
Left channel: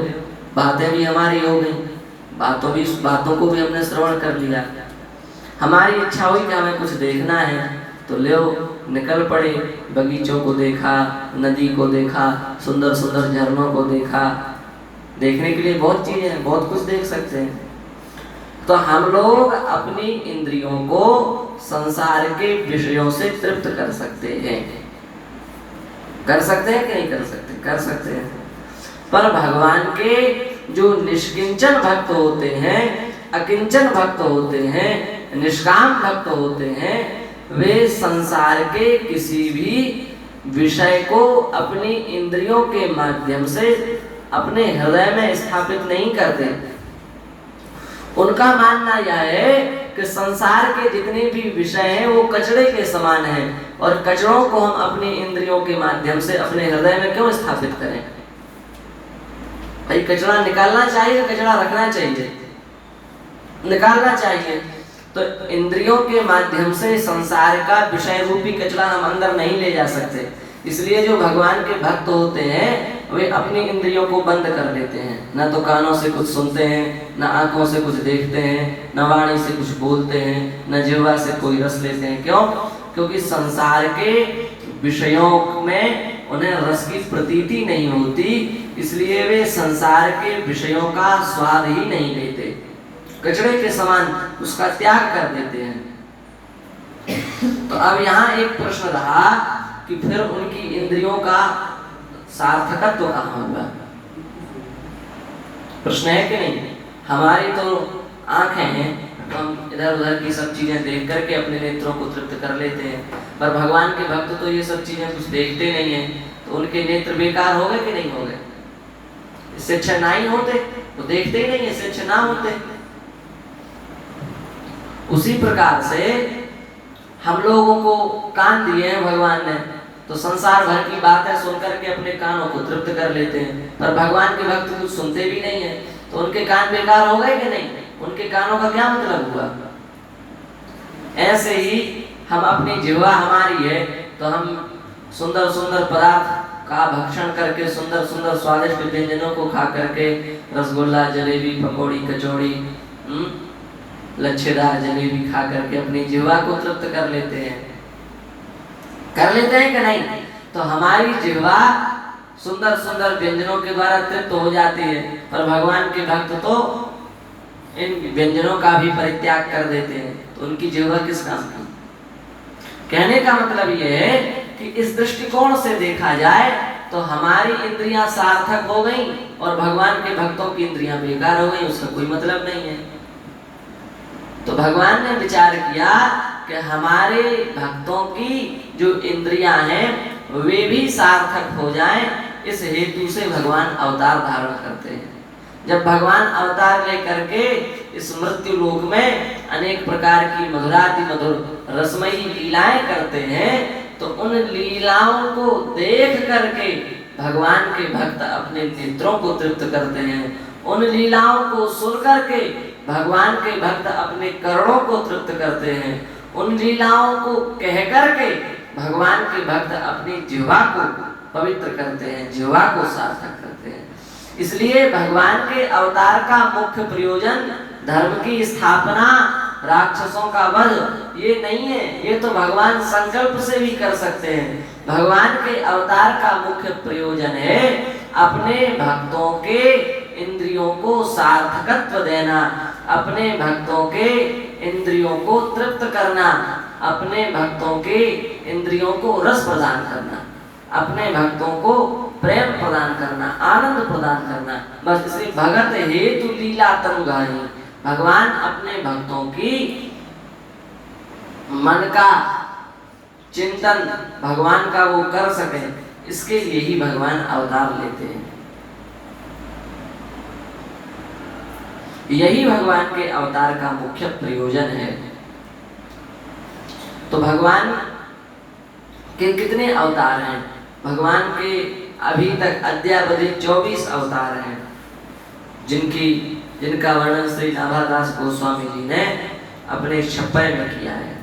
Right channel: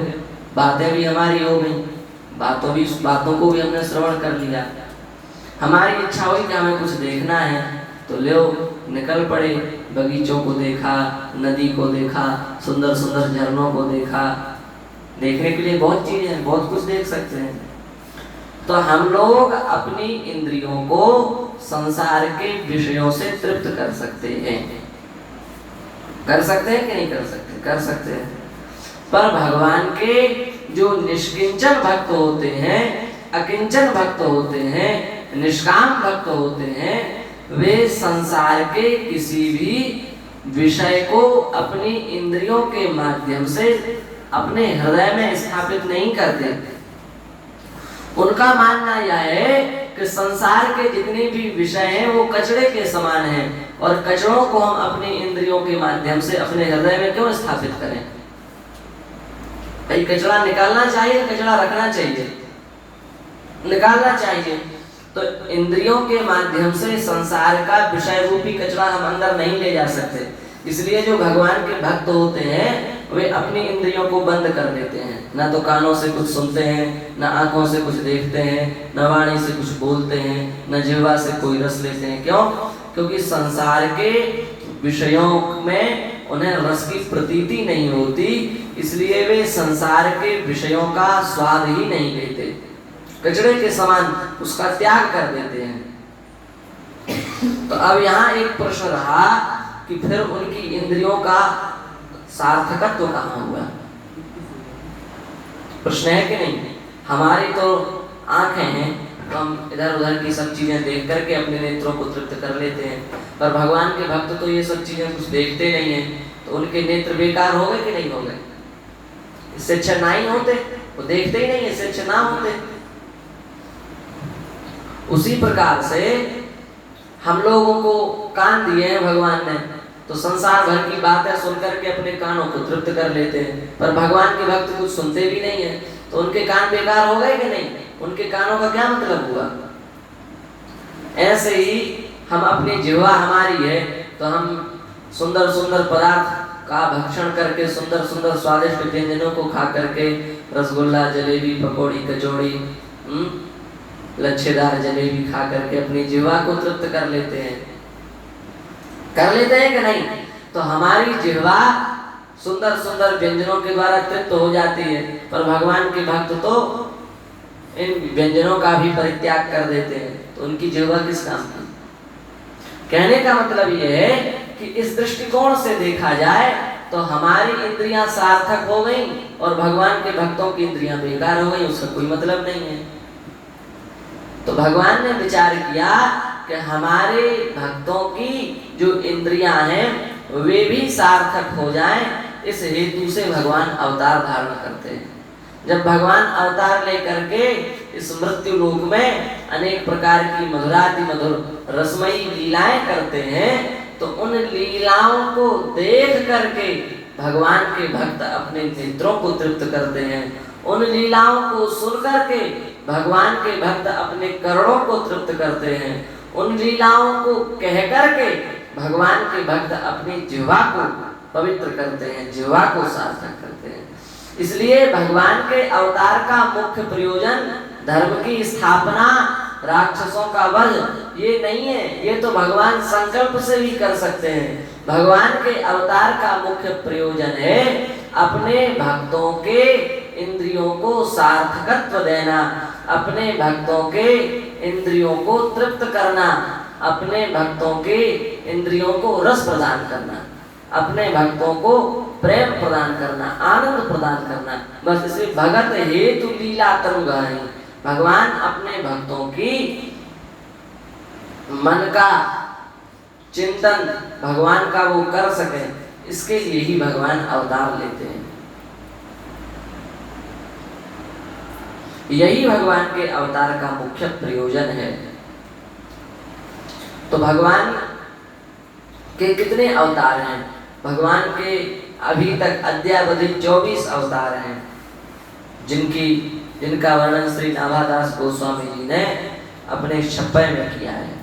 बातें भी हमारी हो गई, बातों को भी हमने श्रवण कर लिया। हमारी इच्छा हुई कि हमें कुछ देखना है, तो ले निकल पड़े, बगीचों को देखा, नदी को देखा, सुंदर सुंदर झरनों को देखा। देखने के लिए बहुत चीजें हैं, बहुत कुछ देख सकते हैं। तो हम लोग अपनी इंद्रियों को संसार के विषयों से तृप्त कर सकते हैं। कर सकते हैं कि नहीं कर सकते? कर सकते हैं। पर भगवान के जो निष्किंचन भक्त होते हैं, अकिंचन भक्त होते हैं, निष्काम भक्त होते हैं, वे संसार के किसी भी विषय को अपनी इंद्रियों के माध्यम से अपने हृदय में स्थापित नहीं करते। उनका मानना यह है कि संसार के जितने भी विषय हैं वो कचड़े के समान हैं, और कचड़ों को हम अपनी इंद्रियों के माध्यम से अपने हृदय में क्यों स्थापित करें? भाई कचड़ा निकालना चाहिए, कचड़ा रखना चाहिए? निकालना चाहिए। तो इंद्रियों के माध्यम से संसार का विषय रूपी कचरा हम अंदर नहीं ले जा सकते। इसलिए जो भगवान के भक्त होते हैं वे अपनी इंद्रियों को बंद कर देते हैं, ना तो कानों से कुछ सुनते हैं, ना आंखों से कुछ देखते हैं, ना वाणी से कुछ बोलते हैं, ना जिह्वा से कोई रस लेते हैं। क्यों? क्योंकि संसार के विषयों में उन्हें रस की प्रतीति नहीं होती, इसलिए वे संसार के विषयों का स्वाद ही नहीं लेते, कचड़े के समान उसका त्याग कर देते हैं। तो अब यहाँ एक प्रश्न रहा कि फिर उनकी इंद्रियों का सार्थकत्व कहाँ हुआ? प्रश्न है कि नहीं? हमारी तो आंखें हैं, तो हम इधर उधर की सब चीजें देख करके अपने नेत्रों को तृप्त कर लेते हैं, पर भगवान के भक्त तो ये सब चीजें कुछ देखते नहीं हैं, तो उनके नेत्र बेकार हो गए कि नहीं हो गए? इससे अच्छा ना ही होते, वो देखते ही नहीं, इससे अच्छा ना होते। उसी प्रकार से हम लोगों को कान दिए हैं भगवान ने, तो संसार भर की बातें सुनकर के अपने कानों को तृप्त कर लेते हैं, पर भगवान के भक्त कुछ सुनते भी नहीं है, तो उनके कान बेकार हो गए कि नहीं? उनके कानों का क्या मतलब हुआ? ऐसे ही हम अपनी जिह्वा हमारी है, तो हम सुंदर सुंदर पदार्थ का भक्षण करके, सुंदर सुंदर स्वादिष्ट व्यंजनों को खा करके, रसगुल्ला, जलेबी, पकौड़ी, कचौड़ी, लच्छेदार जलेबी खा करके अपनी जिह्वा को तृप्त कर लेते हैं। कर लेते हैं कि नहीं? तो हमारी जिह्वा सुंदर सुंदर व्यंजनों के द्वारा तृप्त हो जाती है, पर भगवान के भक्त तो इन व्यंजनों का भी परित्याग कर देते हैं, तो उनकी जीवा किस काम की। कहने का मतलब यह है कि इस दृष्टिकोण से देखा जाए तो हमारी इंद्रियां सार्थक हो गई और भगवान के भक्तों की इंद्रियां बेकार हो गई, उसका कोई मतलब नहीं है। तो भगवान ने विचार किया कि हमारे भक्तों की जो इंद्रियां हैं वे भी सार्थक हो जाएं, इस हेतु से भगवान अवतार धारण करते हैं। जब भगवान अवतार लेकर के इस मृत्यु लोक में अनेक प्रकार की मधुराति मधुर रसमयी लीलाएं करते हैं, तो उन लीलाओं को देख करके भगवान के भक्त अपने नेत्रों को तृप्त करते हैं। उन लीलाओं को सुन करके भगवान के भक्त अपने कर्णों को तृप्त करते हैं। उन लीलाओं को कह करके भगवान के भक्त अपनी जिह्वा को पवित्र करते हैं, जिह्वा को सार्थक करते हैं। इसलिए भगवान के अवतार का मुख्य प्रयोजन धर्म की स्थापना, राक्षसों का वध ये नहीं है, ये तो भगवान संकल्प से भी कर सकते हैं। भगवान के अवतार का मुख्य प्रयोजन है अपने भक्तों के इंद्रियों को सार्थकत्व देना, अपने भक्तों के इंद्रियों को तृप्त करना, अपने भक्तों के इंद्रियों को रस प्रदान करना, अपने भक्तों को प्रेम प्रदान करना, आनंद प्रदान करना। बस इसे भगत हेतु लीला तरुगहनी, भगवान अपने भक्तों की मन का चिंतन भगवान का वो कर सके, इसके लिए ही भगवान अवतार लेते हैं। यही भगवान के अवतार का मुख्य प्रयोजन है। तो भगवान के कितने अवतार हैं? भगवान के अभी तक अद्यावधि 24 अवतार हैं, जिनका वर्णन श्री नाभादास गोस्वामी जी ने अपने छप्पय में किया है।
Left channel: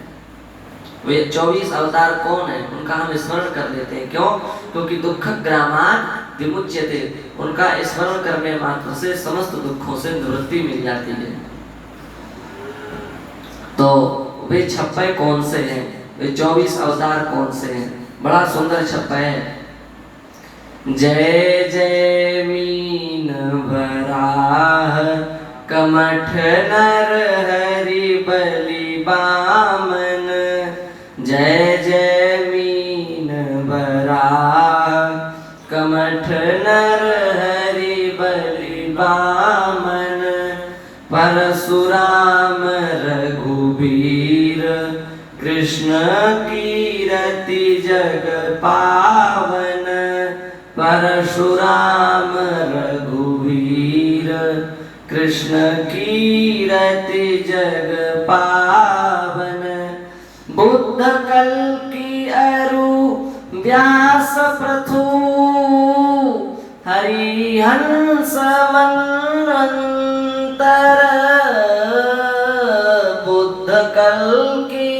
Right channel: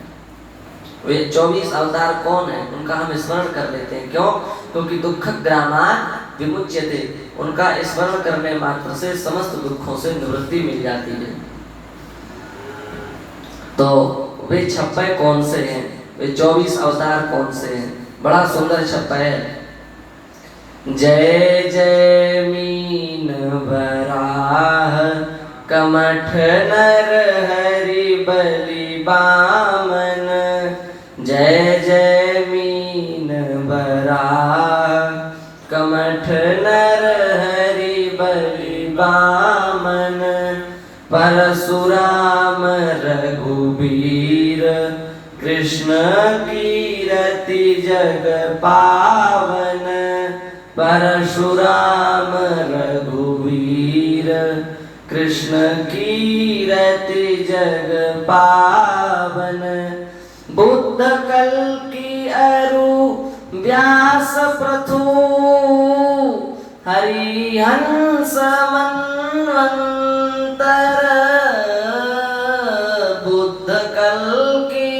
वे 24 अवतार कौन है उनका हम स्मरण कर लेते हैं। क्यों? क्योंकि दुख ग्रामान विमुच्यते, उनका स्मरण करने मात्र से समस्त दुखों से निवृत्ति मिल जाती है। तो वे 26 कौन से हैं, वे 24 अवतार कौन से हैं? बड़ा सुंदर छप्पय है। जय जय मीन वराह कमठ नर हरि बलि बामन, जय जय मीन वराह कमठ नर हरि बलि बामन, परशुराम रघुबीर कृष्ण कीरति जग पावन, परशुराम रघुवीर कृष्ण कीरति जग पावन, बुद्ध कल्कि अरु व्यास पृथु, हरिहंस मन्वंतर, बुद्ध कल्कि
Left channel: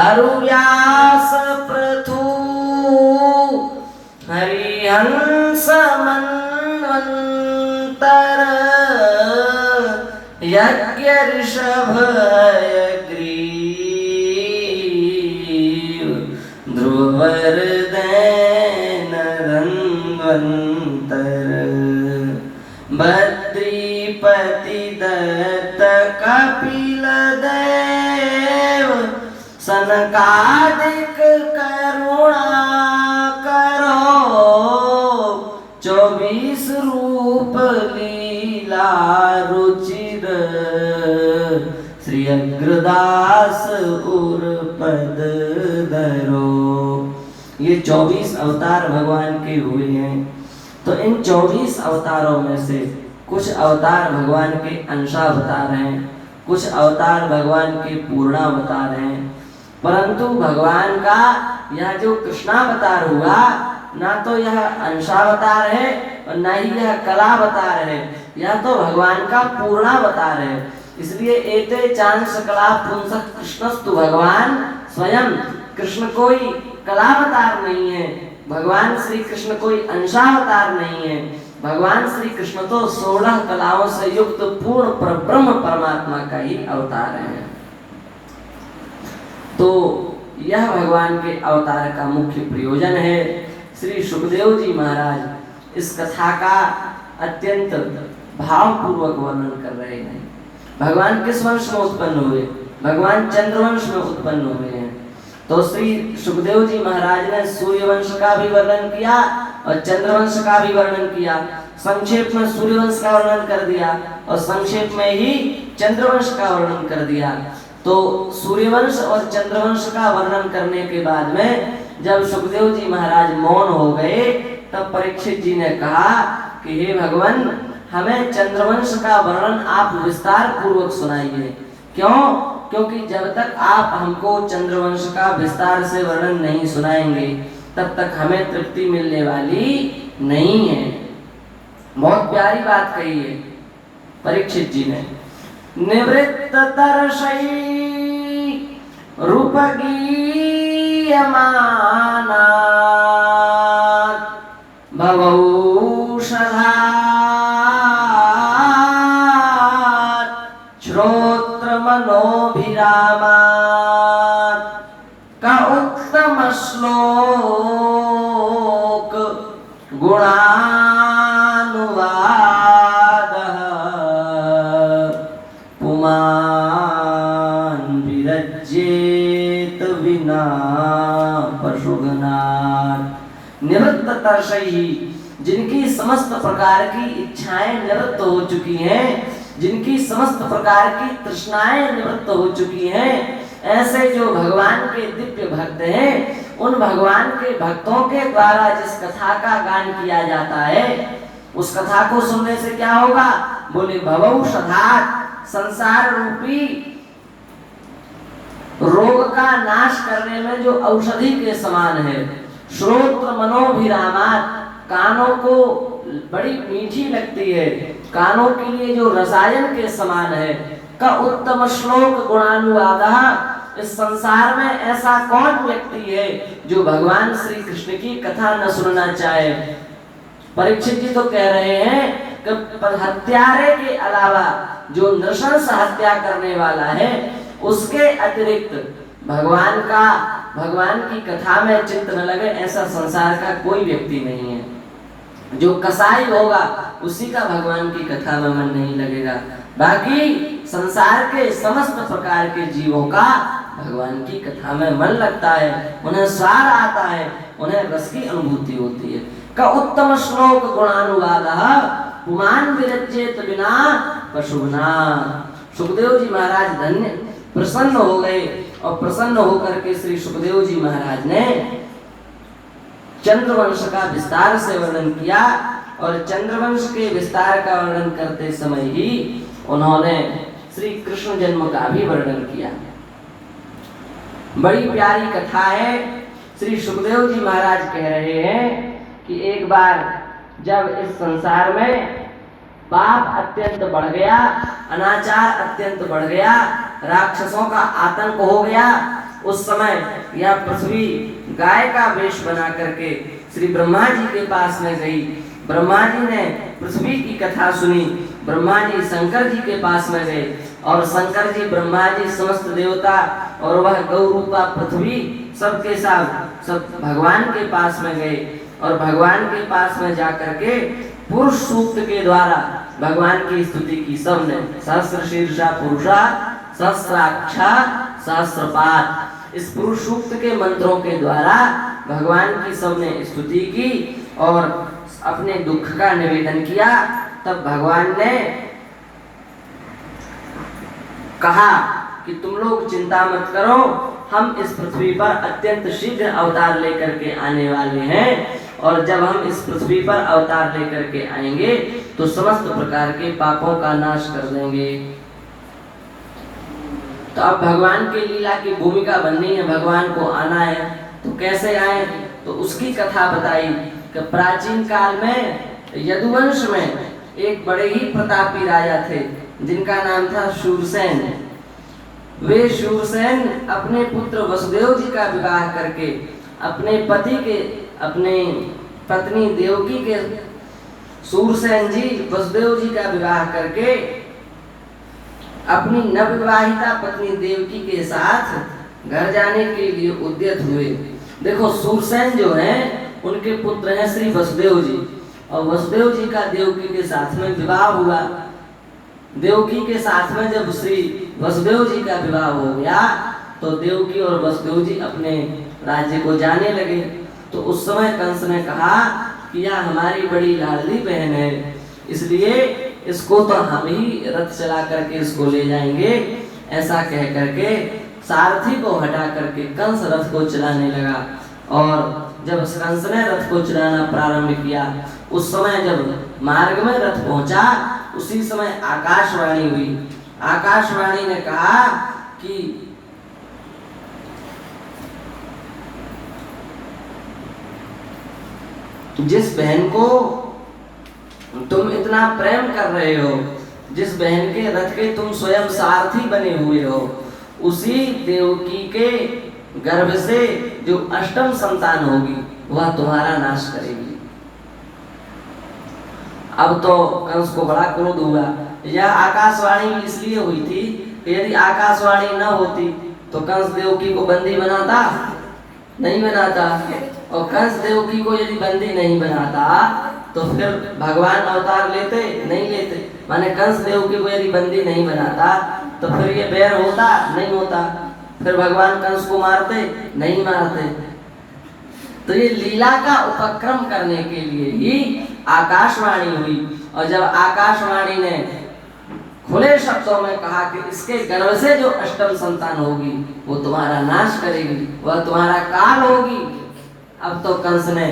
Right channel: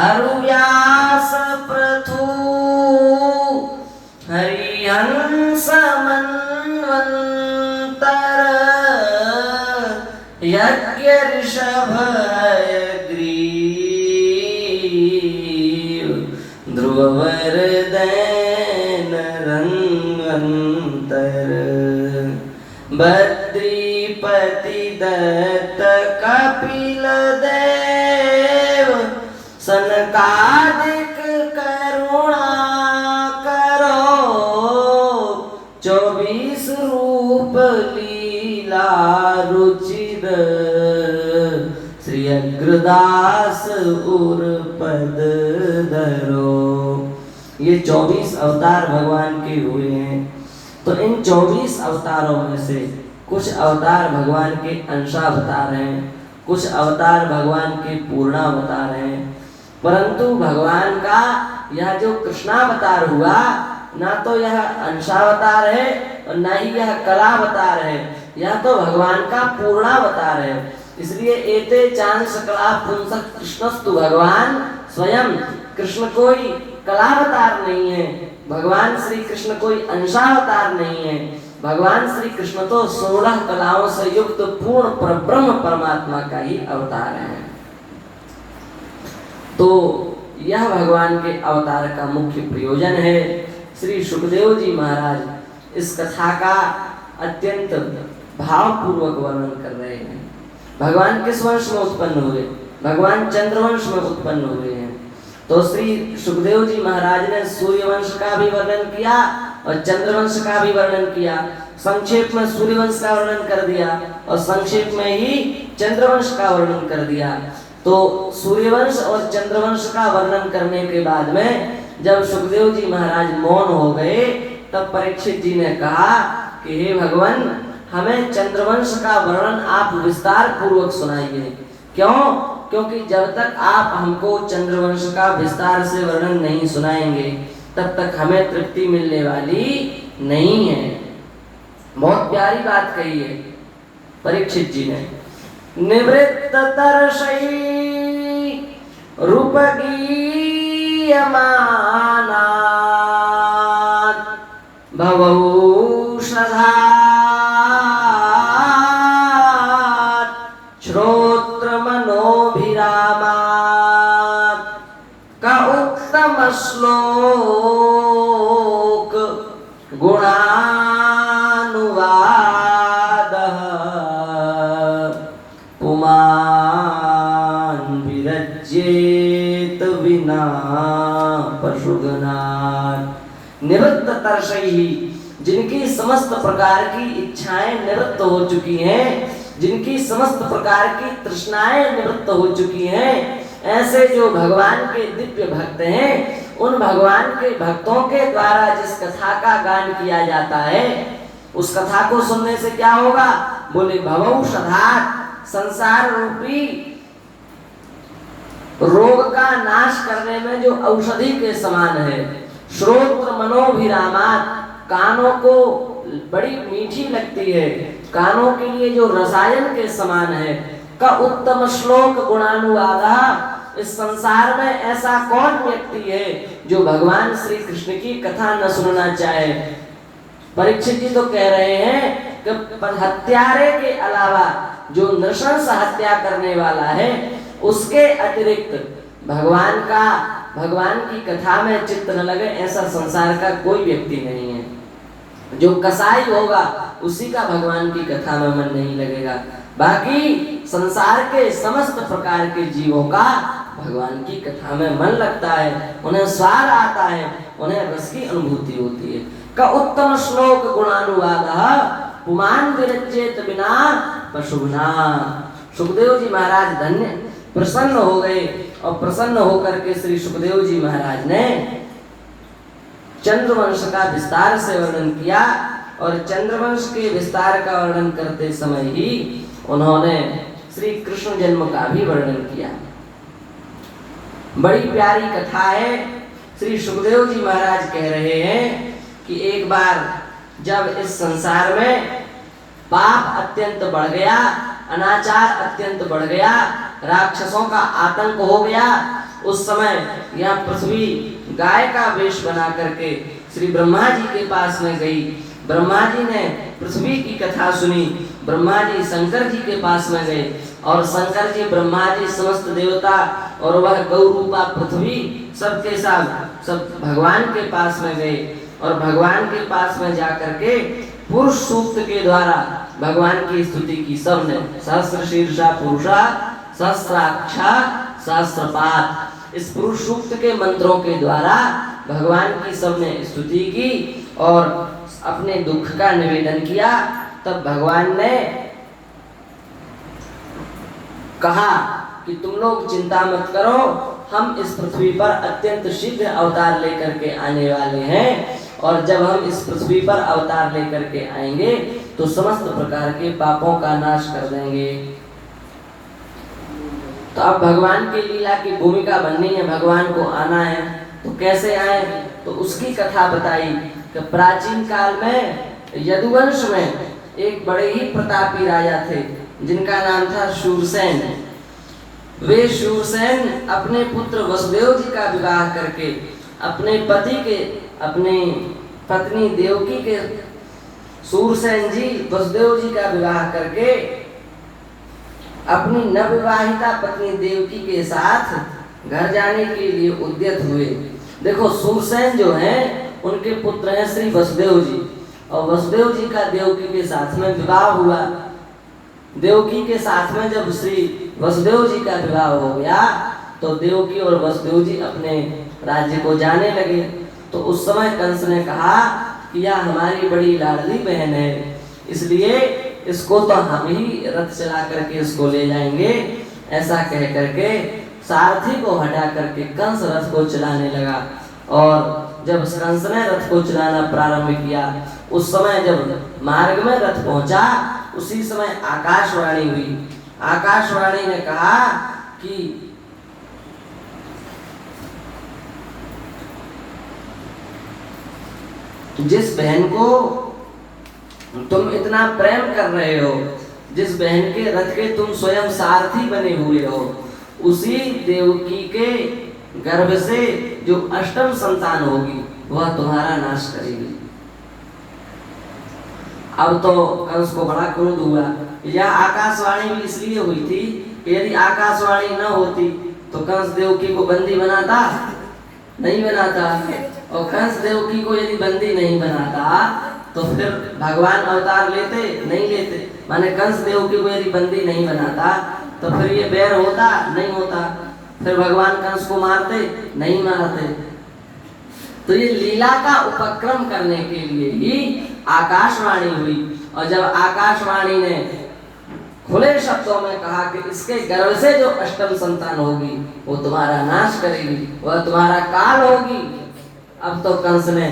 अरु व्यास पृथु, हरिहंस मन्वंतर, यज्ञ ऋषभ हयग्रीव, ध्रुववर दैन रन्वंतर, बद्रीपति दत्त कपिल देव, सनकादिक करुणा करो, 24 रूप लीला रुचिर, श्री अग्रदास उर पद धरो। ये 24 अवतार भगवान के हुए हैं। तो इन 24 अवतारों में से कुछ अवतार भगवान के अंशावतार हैं, कुछ अवतार भगवान के पूर्णावतार हैं। परंतु भगवान का यह जो कृष्णावतार हुआ, ना तो यह अंशावतार है और ना ही यह कलावतार है, यह तो भगवान का पूर्णावतार है। इसलिए एते चांस कला पुंसक कृष्णस्तु, भगवान स्वयं कृष्ण कोई कलावतार नहीं है, भगवान श्री कृष्ण कोई अंशावतार नहीं है। भगवान श्री कृष्ण तो 16 कलाओं से युक्त पूर्ण ब्रह्म परमात्मा का ही अवतार है। तो यह भगवान के अवतार का मुख्य प्रयोजन है। श्री सुखदेव जी महाराज इस कथा का अत्यंत भावपूर्वक वर्णन कर रहे हैं। भगवान किस वंश में उत्पन्न हुए? भगवान चंद्रवंश में उत्पन्न हुए हैं। तो श्री सुखदेव जी महाराज ने सूर्यवंश का भी वर्णन किया और चंद्रवंश का भी वर्णन किया। संक्षेप में सूर्यवंश का वर्णन कर दिया और संक्षेप में ही चंद्रवंश का वर्णन कर दिया। तो सूर्यवंश और चंद्रवंश का वर्णन करने के बाद में जब सुखदेव जी महाराज मौन हो गए, तब परीक्षित जी ने कहा कि हे भगवान, हमें चंद्रवंश का वर्णन आप विस्तार पूर्वक सुनाइए। क्यों? क्योंकि जब तक आप हमको चंद्रवंश का विस्तार से वर्णन नहीं सुनाएंगे, तब तक हमें तृप्ति मिलने वाली नहीं है। बहुत प्यारी बात कही है परीक्षित जी ने। निवृत्त तरसई रूप गीयमाना भवौषधा श्रोत्र मनोभिरामात् का उत्तम श्लोक गुणानुवादः पुमान् विरज्येत विना पशुगणात्। निवृत्त तरसई, जिनकी समस्त प्रकार की इच्छाएं निवृत्त हो चुकी हैं, जिनकी समस्त प्रकार की तृष्णाएं निवृत्त हो चुकी हैं, ऐसे जो भगवान के दिव्य भक्त हैं, उन भगवान के भक्तों के द्वारा जिस कथा का गान किया जाता है, उस कथा को सुनने से क्या होगा? बोले भवौषधात्, संसार रूपी रोग का नाश करने में जो औषधि के समान है। श्रोत्र मनोभिरामात्, कानों को बड़ी मीठी लगती है, कानों के लिए जो रसायन के समान है। का उत्तम श्लोक गुणानुवादः, इस संसार में ऐसा कौन व्यक्ति है जो भगवान श्री कृष्ण की कथा न सुनना चाहे? परीक्षित जी तो कह रहे हैं कि हत्यारे के अलावा जो नृशंस हत्या करने वाला है, उसके अतिरिक्त भगवान की कथा में चित्त न लगे, ऐसा संसार का कोई व्यक्ति नहीं है। जो कसाई होगा उसी का भगवान की कथा में मन नहीं लगेगा। बाकी संसार के समस्त प्रकार के जीवों का भगवान की कथा में मन लगता है, उन्हें स्वाद आता है, उन्हें रस की अनुभूति होती है। का उत्तम श्लोक गुणानुवादः पुमान् विरज्येत विना पशुना। सुखदेव जी महाराज धन्य प्रसन्न हो गए और प्रसन्न होकर के श्री सुखदेव जी महाराज ने चंद्रवंश का विस्तार से वर्णन किया और चंद्रवंश के विस्तार का वर्णन करते समय ही उन्होंने श्री कृष्ण जन्म का भी वर्णन किया। बड़ी प्यारी कथा है। श्री सुखदेव जी महाराज कह रहे हैं कि एक बार जब इस संसार में पाप अत्यंत बढ़ गया, अनाचार अत्यंत बढ़ गया, राक्षसों का आतंक हो गया, उस समय यह पृथ्वी गाय का वेश बना करके श्री ब्रह्मा जी के पास में गई। ब्रह्मा जी ने पृथ्वी की कथा सुनी। ब्रह्मा जी शंकर जी के पास में गए और शंकर जी, ब्रह्मा जी, समस्त देवता और वह गौ रूपा पृथ्वी सबके साथ सब भगवान के पास में गए और भगवान के पास में जाकर के पुरुष सूक्त के द्वारा भगवान की स्तुति की। सबने सहस्र शीर्षा पुरुषा सहस्राक्षा सहस्रपाद, इस पुरुष सूक्त के मंत्रों के द्वारा भगवान की सबने स्तुति की और अपने दुख का निवेदन किया। तब भगवान ने कहा कि तुम लोग चिंता मत करो, हम इस पृथ्वी पर अत्यंत शीघ्र अवतार लेकर के आने वाले हैं और जब हम इस पृथ्वी पर अवतार लेकर के आएंगे तो समस्त प्रकार के पापों का नाश कर देंगे। तो अब भगवान की लीला की भूमिका बननी है, भगवान को आना है, तो कैसे आए? तो उसकी कथा बताई कि प्राचीन काल में यदुवंश में एक बड़े ही प्रतापी राजा थे जिनका नाम था शूरसेन। वे शूरसेन अपने पुत्र वसुदेव जी का विवाह करके अपनी पत्नी देवकी के, शूरसेन जी वसुदेव जी का विवाह करके अपनी नवविवाहिता पत्नी देवकी के साथ घर जाने के लिए उद्यत हुए। देखो, शूरसेन जो हैं उनके पुत्र हैं श्री वसुदेव जी और वसुदेव जी का देवकी के साथ में विवाह हुआ। देवकी के साथ में जब श्री वसुदेव जी का विवाह हो गया तो देवकी और वसुदेव जी अपने राज्य को जाने लगे। तो उस समय कंस ने कहा कि यह हमारी बड़ी लाडली बहन है, इसलिए इसको तो हम ही रथ चला करके इसको ले जाएंगे। ऐसा कह करके सारथी को हटा करके कंस रथ को चलाने लगा। और जब कंस ने रथ को चलाना प्रारंभ किया, उस समय जब मार्ग में रथ पहुंचा, उसी समय आकाशवाणी हुई। आकाशवाणी ने कहा कि जिस बहन को तुम इतना प्रेम कर रहे हो, जिस बहन के रथ के तुम स्वयं सारथी बने हुए हो, उसी देवकी के गर्भ से जो अष्टम संतान होगी वह तुम्हारा नाश करेगी। अब तो कंस को बड़ा क्रोध हुआ। यह आकाशवाणी भी इसलिए हुई थी कि यदि आकाशवाणी न होती तो कंस देवकी को बंदी बनाता नहीं बनाता, और कंस देवकी को यदि बंदी नहीं बनाता तो फिर भगवान अवतार लेते नहीं लेते। माने कंस देवकी को यदि बंदी नहीं बनाता तो फिर ये बैर होता नहीं होता, फिर भगवान कंस को मारते नहीं मारते। तो ये लीला का उपक्रम करने के लिए ही आकाशवाणी हुई। और जब आकाशवाणी ने खुले शब्दों में कहा कि इसके गर्भ से जो अष्टम संतान होगी वो तुम्हारा नाश करेगी, वह तुम्हारा काल होगी। अब तो कंस ने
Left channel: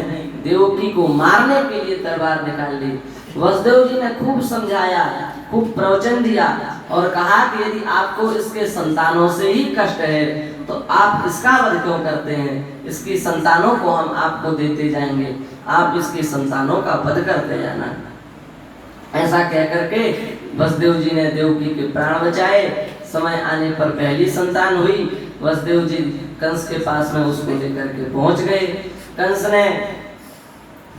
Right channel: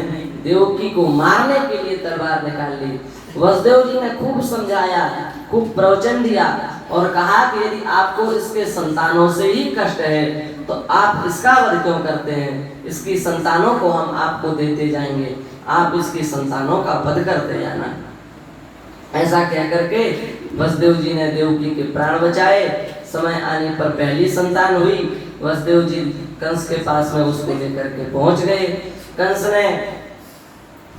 देवकी को मारने के लिए तलवार निकाल ली। वसुदेव जी ने खूब समझाया, खूब प्रवचन दिया और कहा कि यदि आपको इसके संतानों से ही कष्ट है तो आप इसका वध क्यों करते हैं? इसकी संतानों को हम आपको देते जाएंगे, आप इसकी संतानों का वध करते जाना। ऐसा कह करके वसुदेव जी ने देवकी के प्राण बचाए। समय आने पर पहली संतान हुई। वसुदेव जी कंस के पास में उसको लेकर के पहुंच गए। कंस ने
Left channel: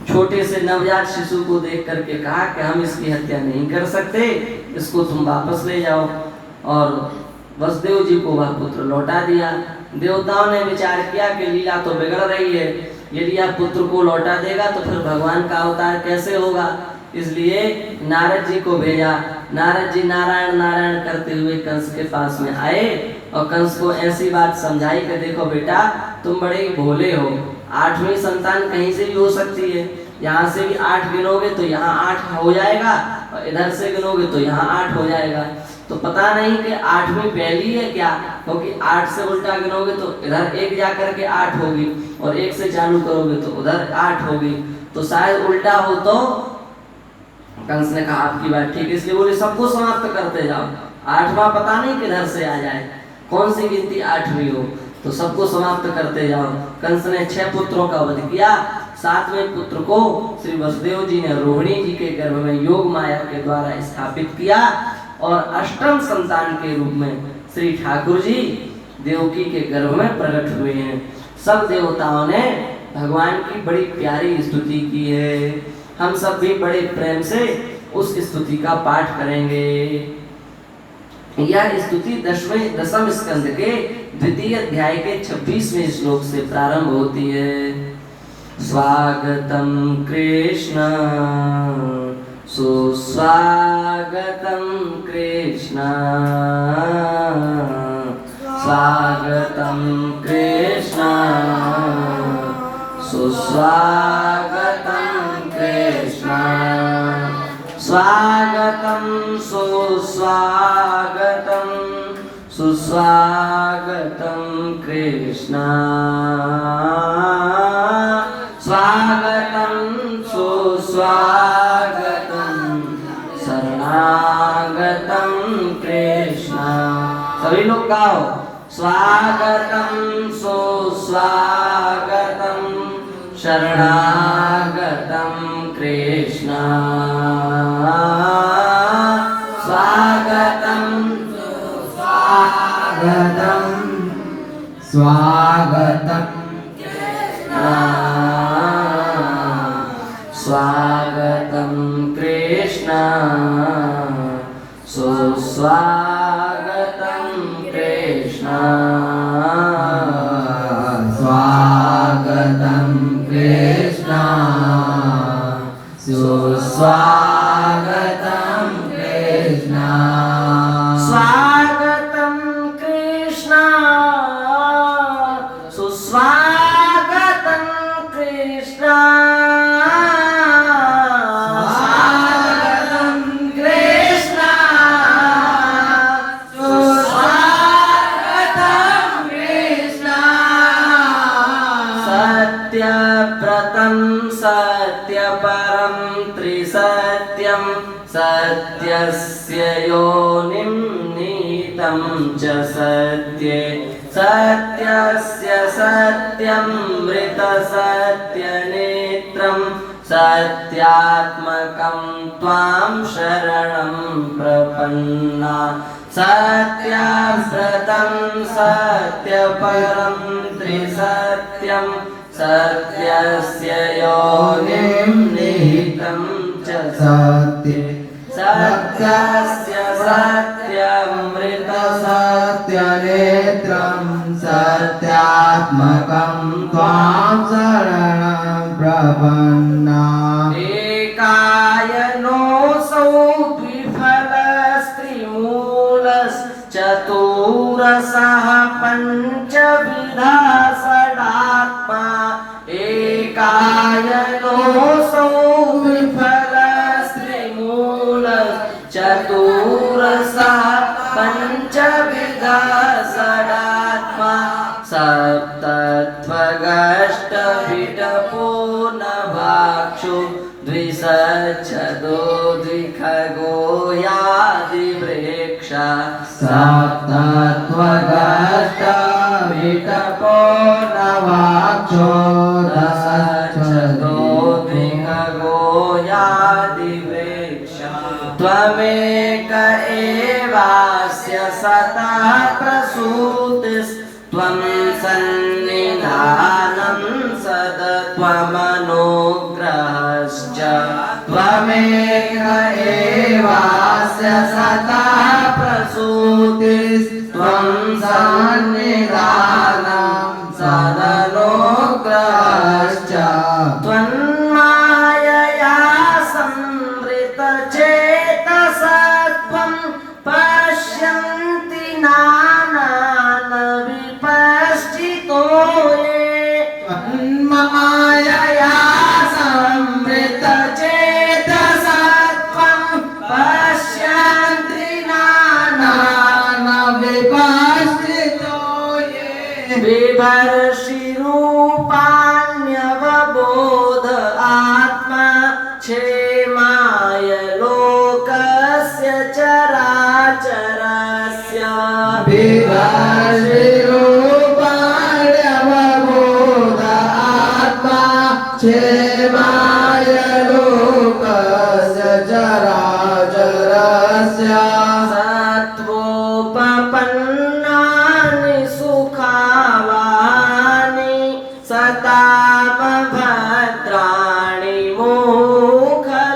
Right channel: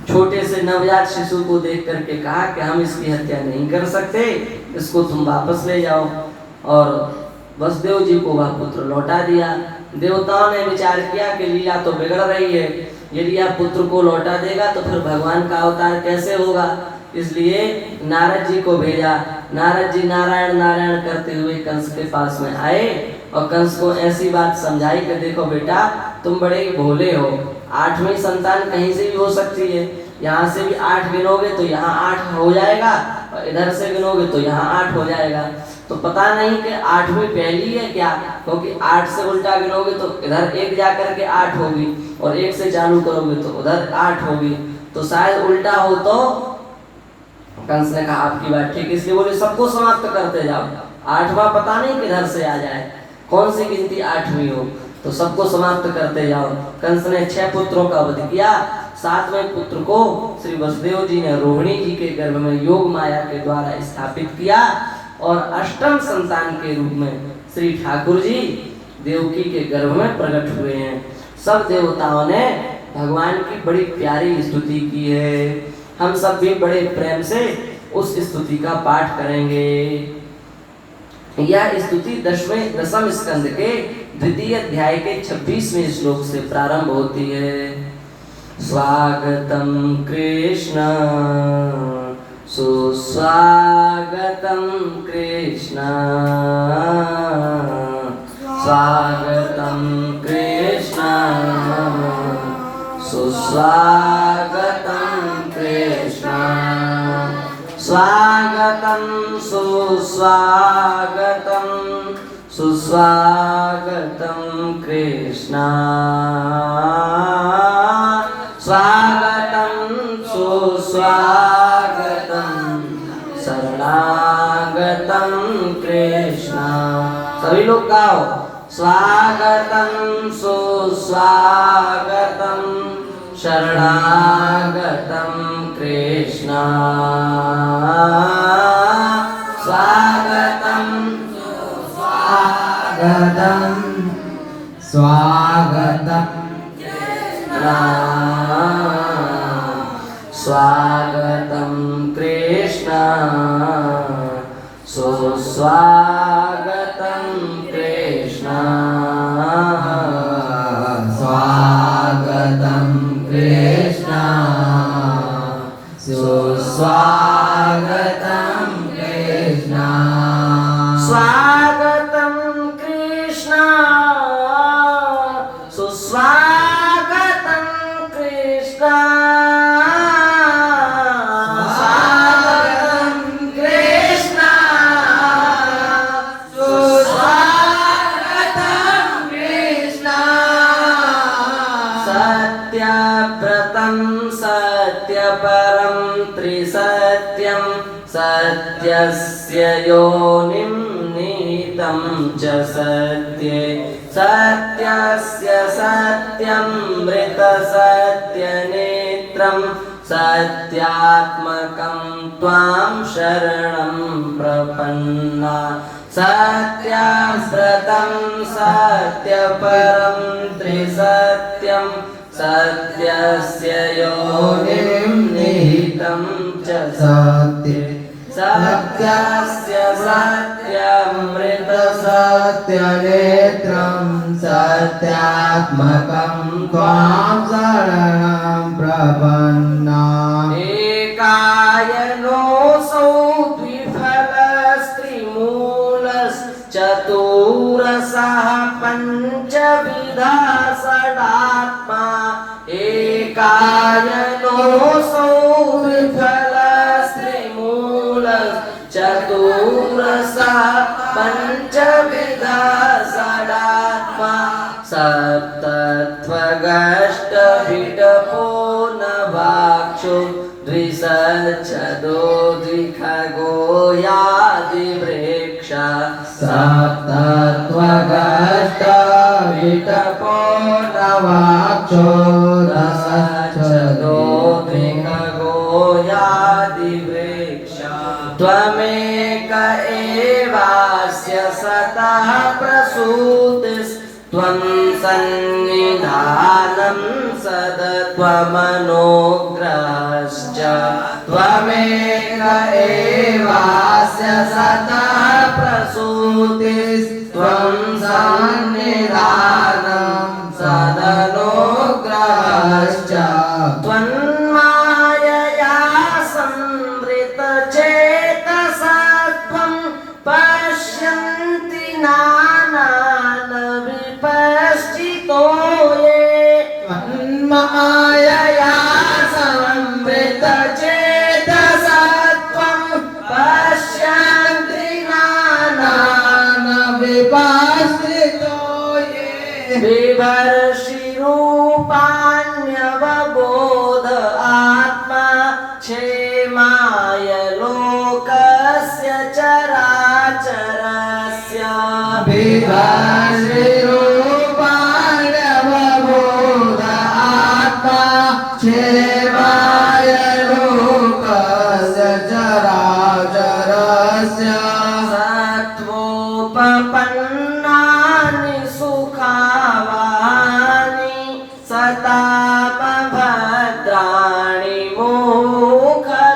छोटे से नवजात शिशु को देख करके कहा कि हम इसकी हत्या नहीं कर सकते, इसको तुम वापस ले जाओ। और वसुदेव जी को वह पुत्र लौटा दिया। देवताओं ने विचार किया कि लीला तो बिगड़ रही है, यदि यह पुत्र को लौटा देगा तो फिर भगवान का अवतार कैसे होगा। इसलिए नारद जी को भेजा। नारद जी नारायण नारायण करते हुए कंस के पास में आए और कंस को ऐसी बात समझाई कि देखो बेटा, तुम बड़े ही भोले हो, 8वीं संतान कहीं से भी हो सकती है। यहाँ से भी 8 गिनोगे तो यहाँ 8 हो जाएगा, और इधर से गिनोगे तो यहाँ 8 हो जाएगा। तो पता नहीं कि 8वीं पहली है क्या, क्योंकि 8 से उल्टा गिनोगे तो इधर 1 जाकर के 8 होगी, और 1 से चालू करोगे तो उधर 8 होगी, तो शायद उल्टा हो। तो कंस ने कहा आपकी बात ठीक, इसलिए बोले सबको समाप्त करते जाओ, 8वां पता नहीं किधर से आ जाए, कौन सी गिनती 8वीं हो, तो सबको समाप्त करते जाओ। कंस ने 6 पुत्रों का वध किया। 7वें पुत्र को श्री वसुदेव जी ने रोहिणी जी के गर्भ में योग माया के द्वारा स्थापित किया, और अष्टम संतान के रूप में श्री ठाकुर जी देवकी के गर्भ में प्रकट हुए हैं। सब देवताओं ने भगवान की बड़ी प्यारी स्तुति की है। हम सब भी बड़े प्रेम से उस स्तुति का पाठ करेंगे। यह स्तुति 10वें स्कंद के 2य अध्याय के 26वें श्लोक से प्रारंभ होती है। स्वागतम कृष्ण सुस्वागतम कृष्ण, स्वागतम कृष्ण सुस्वागतम कृष्ण, स्वागतम सुस्वागतम सुस्वागतम कृष्ण, स्वागतम सुस्वागतम शरणागतम कृष्ण। सभी लोग गाओ, स्वागतम सुस्वागतम शरणागतम कृष्ण, स्वागतम स्वागतम स्वागतम स्वागतम कृष्ण, सुस्वागतम कृष्ण, स्वागतम कृष्ण, सुस्वागतम स्वागतं कृष्ण स्वागतं कृष्ण सुस्वागतं कृष्ण स्वागतं कृष्ण सुस्वागतं कृष्ण सत्यव्रतं सत्यपरं त्रिसत्यं सत्यस्य योनिं नीतं च सत्ये सत्यस्य सत्यमृतसत्यनेत्रं सत्यात्मकं त्वां शरणं प्रपन्ना सत्यव्रतं सत्यपरं त्रिसत्यं सत्यस्य योनिं निहितं च सत्ये सत्यस्य सत्यमृतसत्यनेत्रं सत्यात्मकं त्वां शरणं प्रपन्ना एकायनोऽसौ द्विफलस्त्रिमूलश्चतुरसः पञ्चविधा षडात्मा एकायनोऽसौ विफलस्त्रिमूलश्चतुरसः पञ्चविधा षडात्मा सप्तत्वगष्टविटपो नवाक्षो द्विसच्छदो द्विखगो यादिवृक्षा सप्तत्वगष्टविटपो नवाक्षो द्विसच्छदो द्विखगो यादिवृक्षा त्वमेक एवास्य सतः प्रसूतिस्त्वं सन्निधानं सदत्वमनुग्रहश्च त्वमेक एवास्य सतः प्रसूतिस्त्वं सन्निधानं सदनुग्रहश्च त्वन्मायया संवृतचेतसत्वं पश्यन्ति नानान विपश्चितो ये त्वन्मायया संवृतचेतसत्वं पश्यन्ति नानान विपश्चितो ये बिभर्षिरूपाण्यवबोध आत्मा क्षेमाय लोकस्य चराचरस्य विभर्षिरूपाण्यवबोध आत्मा क्षेमाय लोकस्य चराचरस्य सत्वोपपन्नानि सुखावानि सतामभद्राणि मोखलानां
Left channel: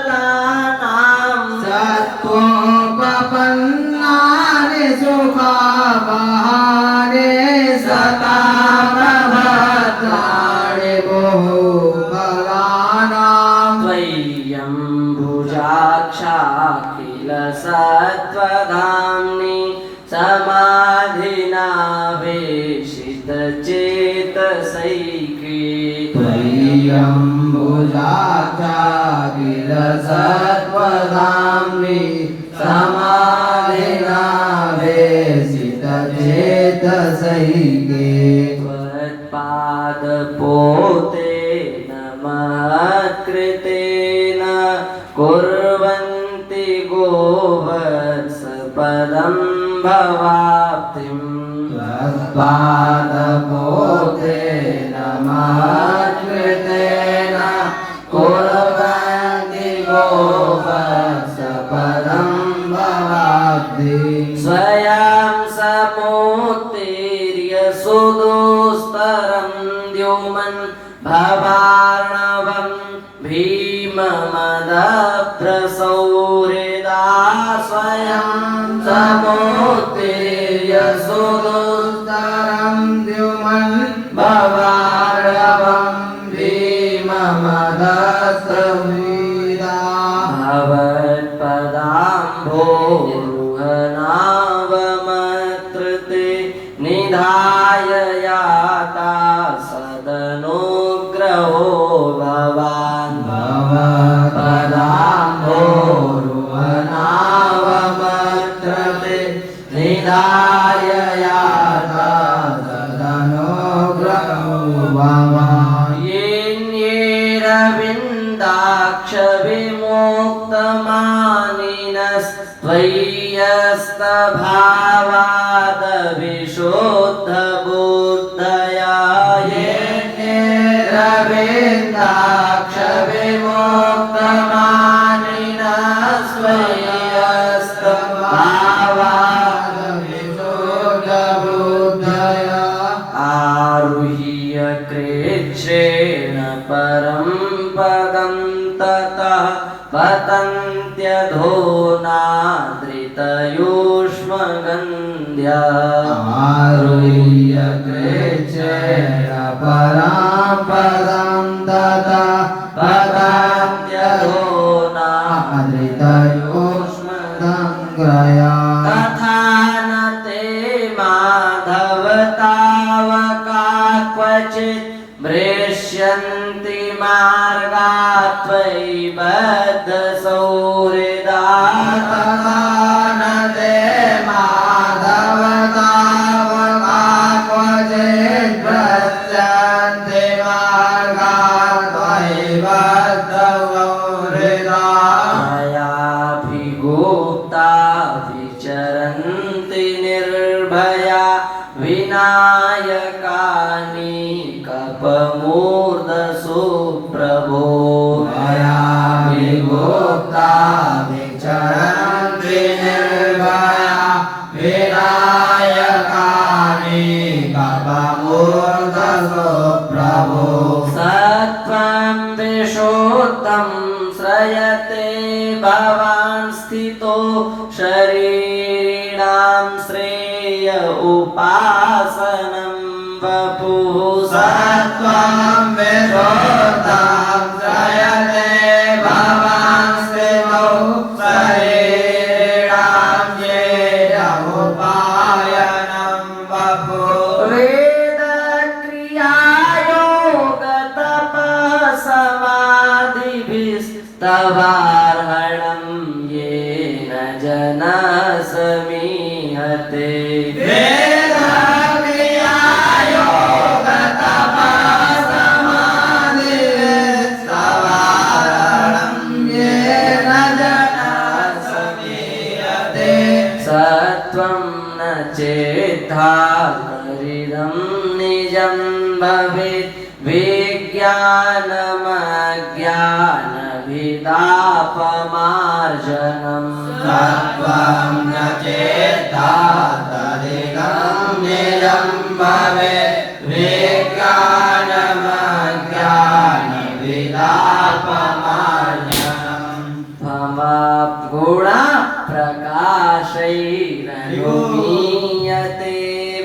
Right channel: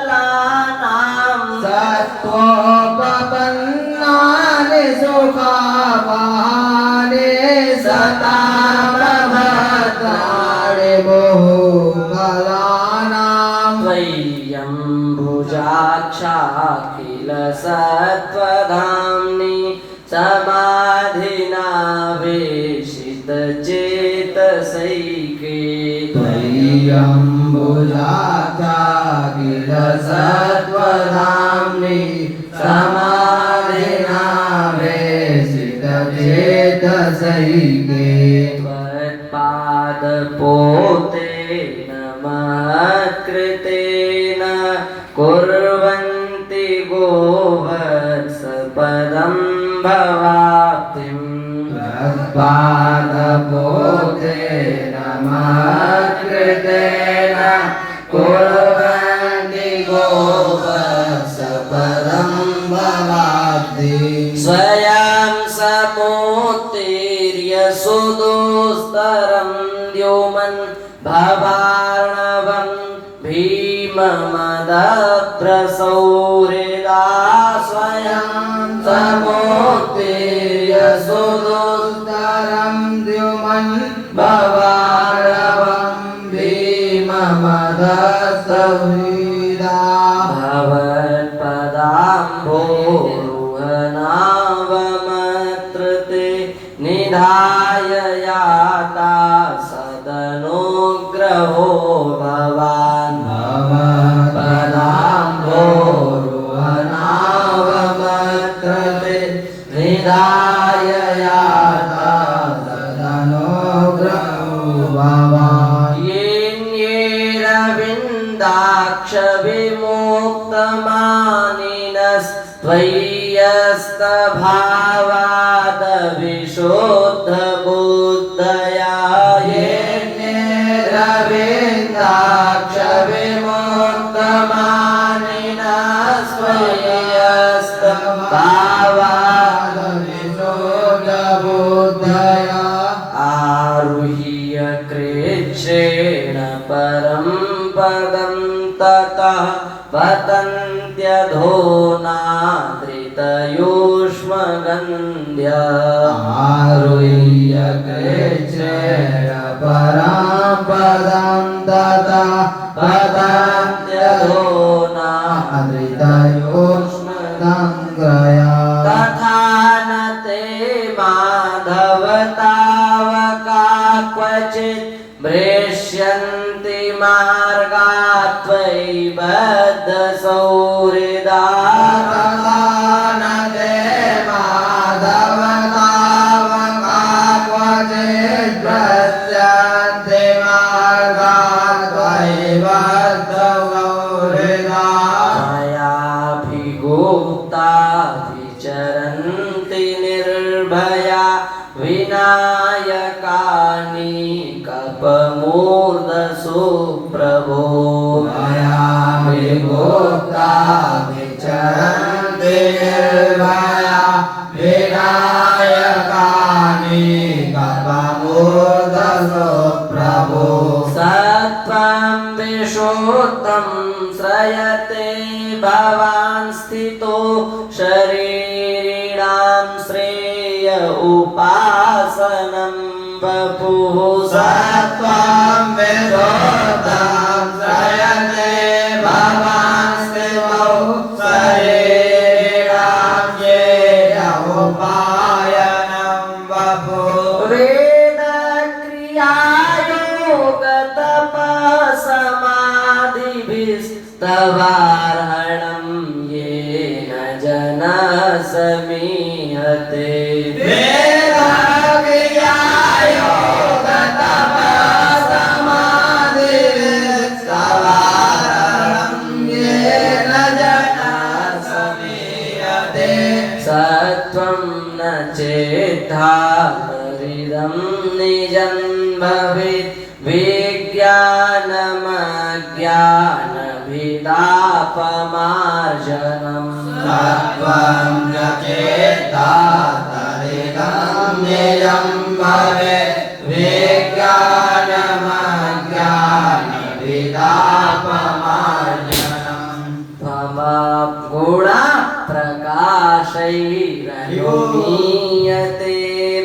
सत्त्वोपपन्नानि सुखावहानि सतामभद्राणि मोखलानां त्वय्यम्बुजाक्षाखिल सत्त्वधाम्नि समाधिना वेशितचेतसैके त्वय्यम्बुजाक्षाखिल सत्त्वधाम्नि समाधिना वेशितचेतसैके त्वत्पादपोतेन मत्कृतेन कुर्वन्ति गोवत्सपदं भवाप्तिम् तत्पादपोतेन मत्कृतेन कुर्वन्ति गोवत्सपदं भवाब्धिम् स्वयं समुत्तीर्य सुदुस्तरं द्युमन् भवार्णवं भीममदप्रसौहृदा स्वयं समुत्तीर्य सुदुस्तरं द्युमन् भवार्णवं भीममदप्रसौहृदा भवति त्वय्यस्तभावादविशुद्धबुद्धया ये रविन्दाक्षविमुक्तमानिनस्त्वय्यस्तभावादविशुद्धबुद्धया आरुह्य कृच्छ्रेण परं पदं ततः पतन्त्यधोनादृतयूष्मगन्ध्या आरुह्य कृच्छ्रेण परां पदं ततः पतन्त्यधोनादृतयूष्मगन्ध्या तथा न ते माधव तावका क्वचित् भ्रेष्यन्ति मार्गात् त्वयि बद्धसौहृदा तथा न ते माधव तावका क्वचित् भ्रश्यन्ति मार्गात् त्वयि बद्धसौहृदा मायाभिगुप्ता विचरन्ति निर्भया विनायकानि कपमूर्धसु प्रभो मायाभिगुप्ता विचरन्ति निर्भया विनायकानि कपमूर्धसु प्रभो सत्त्वं विशुद्धं श्रयते भवान् स्थितो शरीरिणां श्रेय उपासनं वपुः सत्त्वं विशुद्धं श्रयते भवान् स्थितो शरीरां येन उपायनं वपुः वेदक्रियायोगतपसमाधिभिस्तवार्हणं येन जनः समीहते वेदक्रियायोगतपसमाधिभिस्तवार्हणं येन जनः समीहते सत्त्वं न चेद्धारिदं निजं भवेत् विज्ञानमज्ञानभिदापमार्जनम् सत्त्वं न चेत्तातरिदं निजं भवेत् विज्ञानमज्ञानविदापमार्जनम् गुणाप्रकाशैरनुमीयते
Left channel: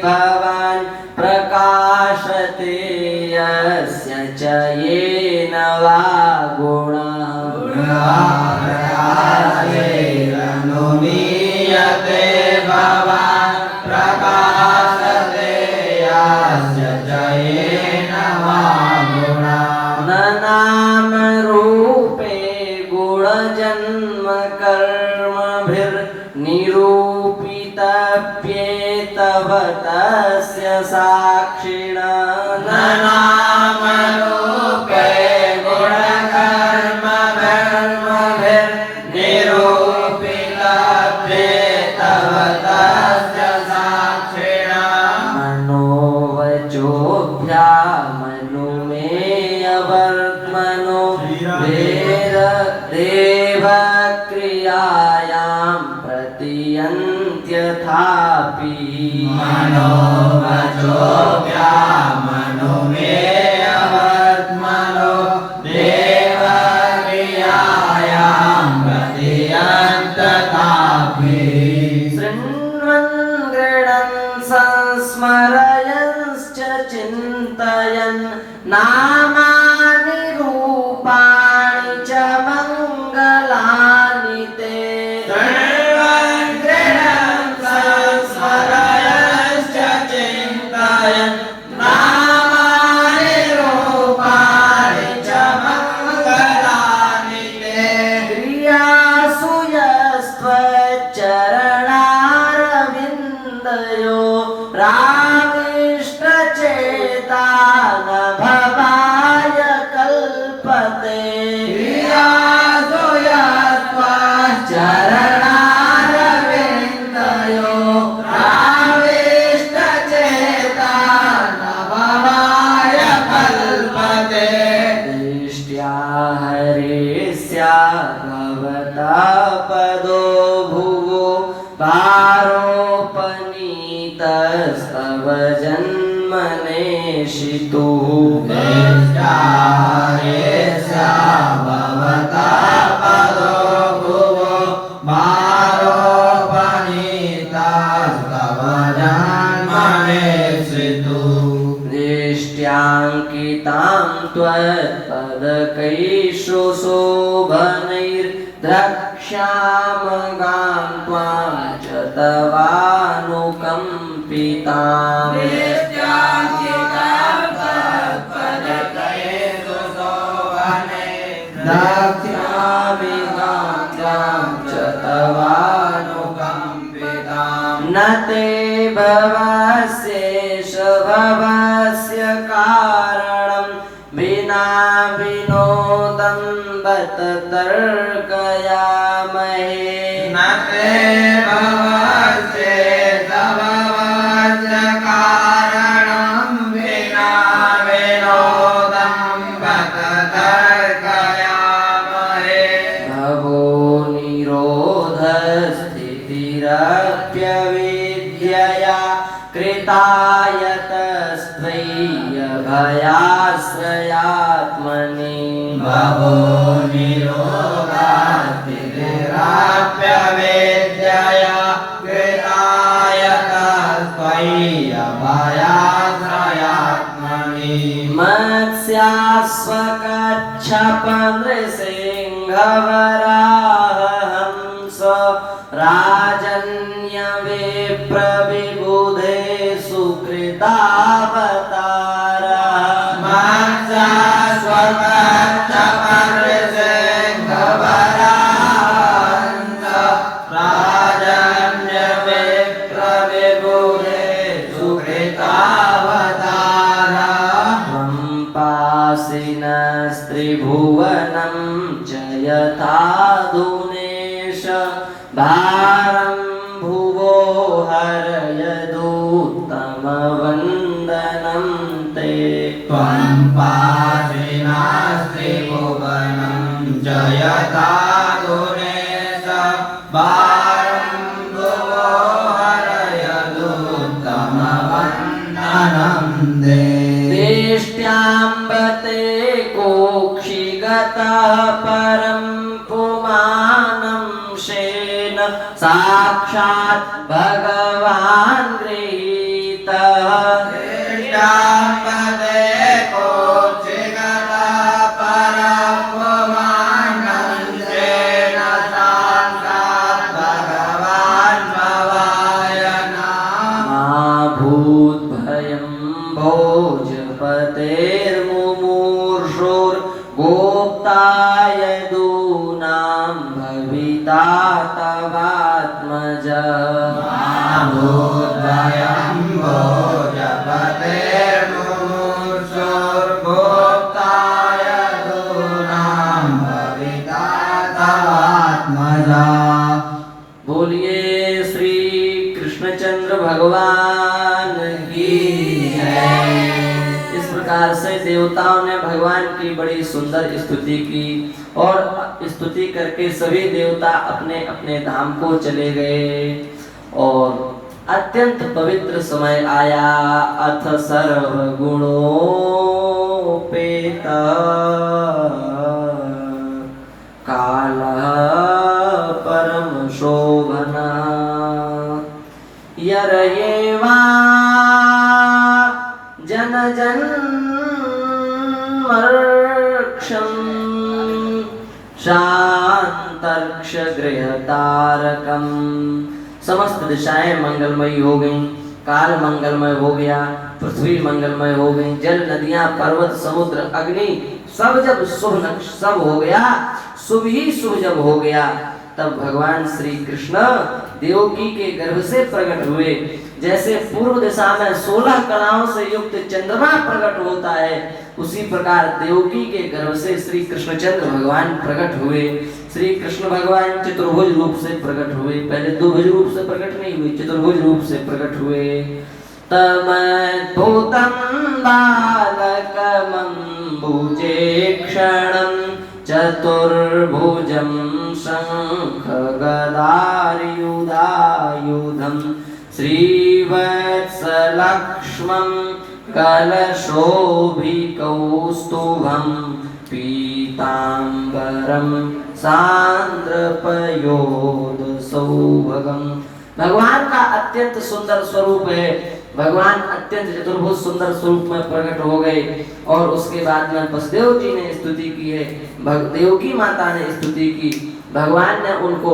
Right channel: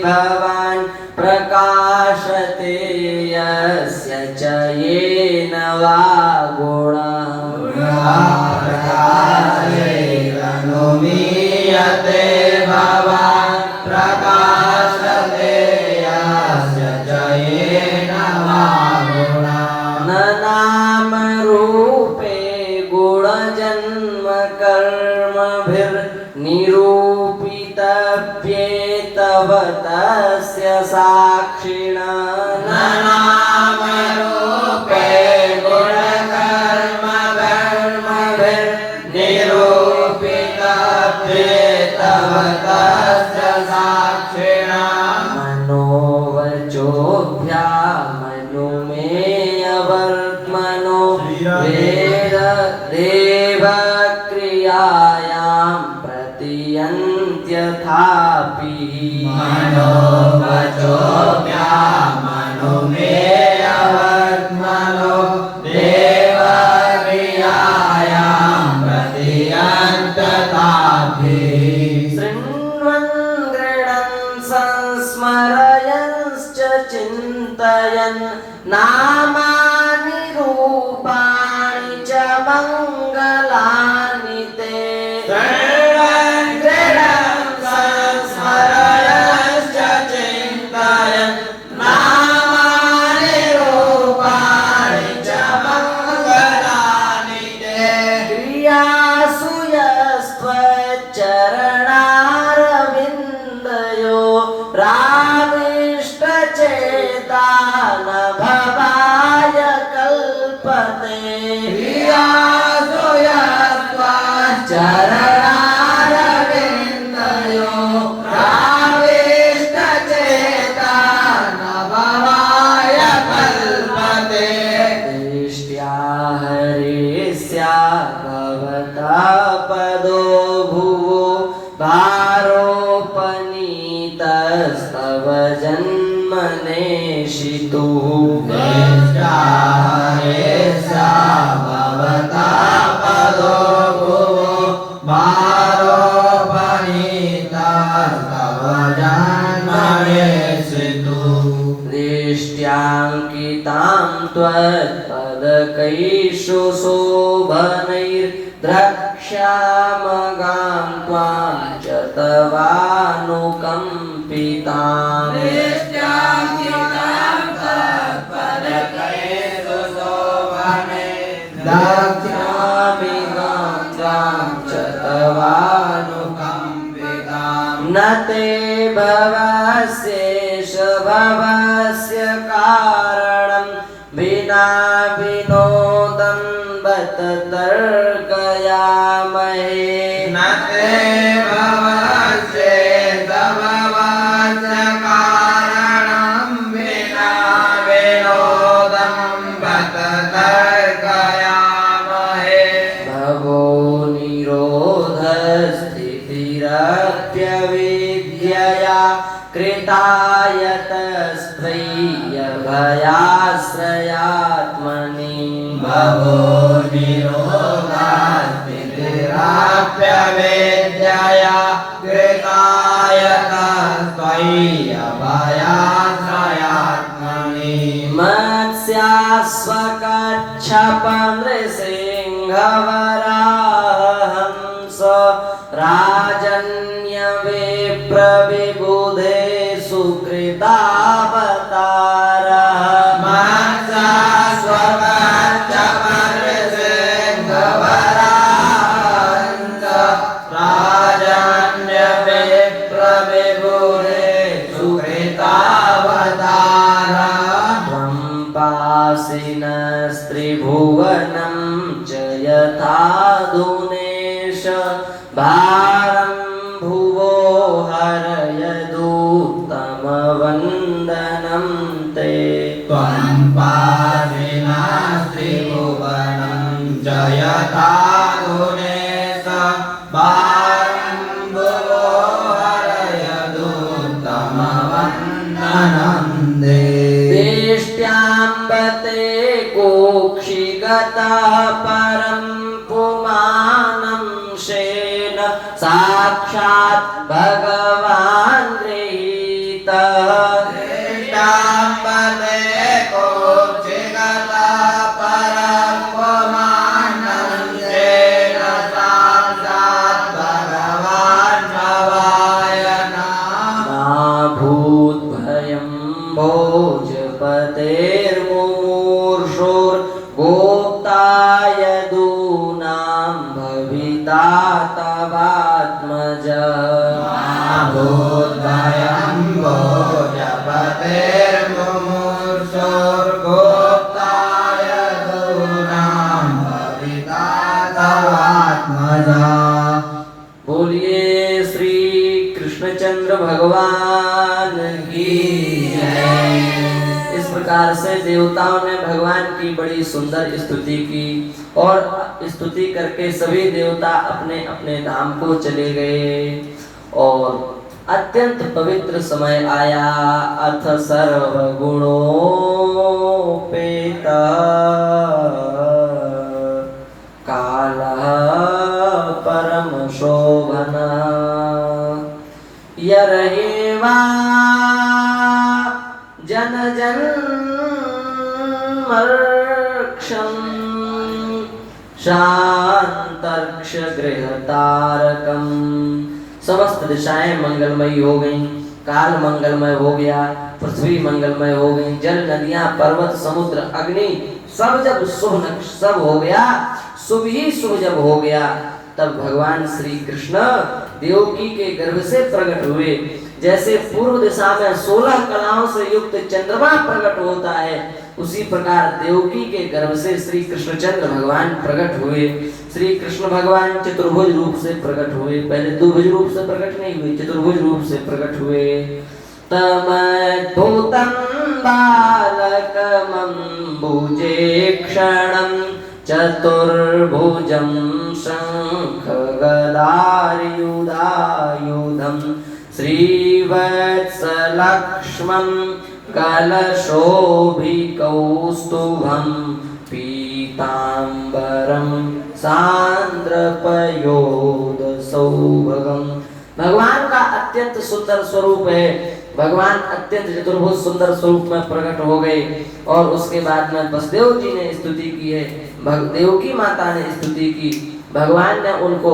भवान् प्रकाशते यस्य च येन वा गुणा प्रकाशैरनुमीयते भवान् प्रकाशते यस्य च येन वा गुणा न नामरूपे गुणजन्म कर्मभिर्निरूपितव्येतव तस्य साक्षिणा न नामरूपे गुणकर्मभिर्निरूपितव्येतव तस्य साक्षिणा मनोवचोभ्यामनुमेयवर्त्मनो देवक्रियायां प्रतियन्त्यथापि मनोवचोभ्यामनुमेयवर्त्मनो देवक्रियायां प्रतियन्त्यथापि शृण्वन् गृह्णन् संस्मरयंश्च चिन्तयन् नामानि रूपाणि च मङ्गलानि ते सर्वं गृह्णन् संस्मरयश्च चिन्तयन् चरणारविन्दयो राविष्टचेता न भवाय कल्पते दृष्ट्या हरेस्या भवता पदो भुवो भारोपनीतस्तव जन्मनेशितुः दृष्ट्या हरेस्या भवता पदो भुवो भारोपनीतस्तव जन्मनेशितुः दृष्ट्याङ्कितां त्वत्पदकैषु शोभनैर्द्रक्ष्यामगां त्वां च तवानुकम्पिताम् दक्ष्यामि गां त्वां च तवानुकम्पिताम् न ते भवस्येष भवस्य कारणं विना विनोदं बत तर्कयामहे न ते भवस्येष भवस्य कारणं विना विनोदं बत तर्कयामहे भवो निरोधस्थितिरप्यविद्यया कृतायतस्त्वय्यभयाश्रयात्मनि भवो निरोधास्तिराप्यवेद्यया कृतायतस्त्वय्यभयाश्रयात्मनि मत्स्यास्वकच्छपनृसिंहवराहंस राजन्यविप्रविबुधे सुकृतावतारः त्वं पासिनस्त्रिभुवनं च यथाधुनेश भारं भुवो हरयदुत्तमवन्दनं ते त्वं पासिनास्त्रिभुवनं जयता गुणेश भारं भुवो हरयदुत्तमवन्दनं ते देष्ट्याम्बते कोक्षिगतः परं पुमानं शेन साक्षात् भगवान् गृहीतः श्रीरामपदे कोचिगता परमपुमानन्देन साक्षात् भगवान् भवाय नमः। मा भूद्भयं भोजपतेर्मुमूर्षोर्गोप्ताय दूनां भविता तवात्मज भूद्भयं भोजपतेर्मुमूर्षोर्गोप्ताय दूनां भविता तवात्मजा। बोलिए श्री कृष्णचंद्र भगवान की जय। इस प्रकार से देवताओं ने भगवान की बड़ी सुंदर स्तुति की और स्तुति करके सभी देवता अपने अपने धाम को चले गए और अत्यंत पवित्र समय आया। अथ सर्वगुणोपेत कालः परम शोभना यरहेवा जनजन्मर्क्षं शांतर्क्ष गृहतारकम। समस्त दिशाएं मंगलमयी हो गईं, काल मंगलमय हो गया, पृथ्वी मंगलमय हो गई, जल नदियां पर्वत समुद्र अग्नि सब जब सब हो गया, शुभ ही शुभ जब हो गया, तब भगवान श्री कृष्ण देवकी के गर्भ से प्रकट हुए। जैसे पूर्व दिशा में 16 कलाओं से युक्त चंद्रमा प्रकट होता है, उसी प्रकार देवकी के गर्भ से श्री कृष्णचंद्र भगवान प्रकट हुए। श्री कृष्ण भगवान चतुर्भुज रूप से प्रकट हुए। पहले द्विभुज रूप से प्रकट नहीं हुए, चतुर्भुज रूप से प्रकट हुए। तमद्भुतं बालकमम्बुजेक्षणं चतुर्भुजं शङ्खगदायुधायुधं श्रीवत्सलक्ष्मं कलशोभिकौस्तुभं पीताम्बरं सान्द्रपयोदसौभगम्। भगवान का अत्यंत सुंदर स्वरूप है। भगवान अत्यंत चतुर्भुज सुंदर स्वरूप में प्रकट हो गए। और उसके बाद में वसुदेव जी ने स्तुति की है, देवकी माता ने स्तुति की। भगवान ने उनको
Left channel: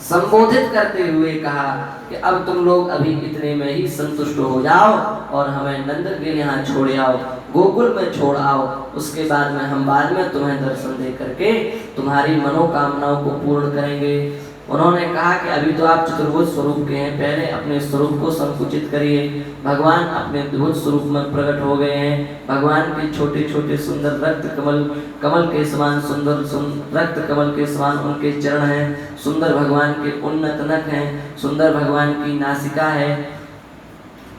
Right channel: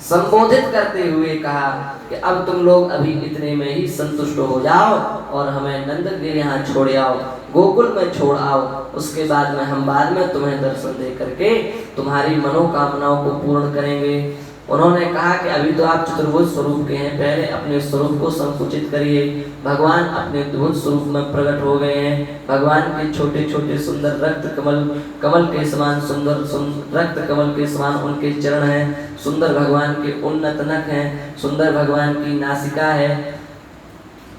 संबोधित करते हुए कहा कि अब तुम लोग अभी इतने में ही संतुष्ट हो जाओ और हमें नंद के यहाँ छोड़ आओ, गोकुल में छोड़ आओ। उसके बाद में हम बाद में तुम्हें दर्शन दे करके तुम्हारी मनोकामनाओं को पूर्ण करेंगे। उन्होंने कहा कि अभी तो आप चतुर्भुज स्वरूप के हैं, पहले अपने स्वरूप को संकुचित करिए। भगवान अपने द्विभुज स्वरूप में प्रकट हो गए हैं। भगवान के छोटे छोटे सुंदर रक्त कमल के समान सुंदर रक्त कमल के समान उनके चरण हैं। सुंदर भगवान के उन्नत नख हैं, सुंदर भगवान की नासिका है।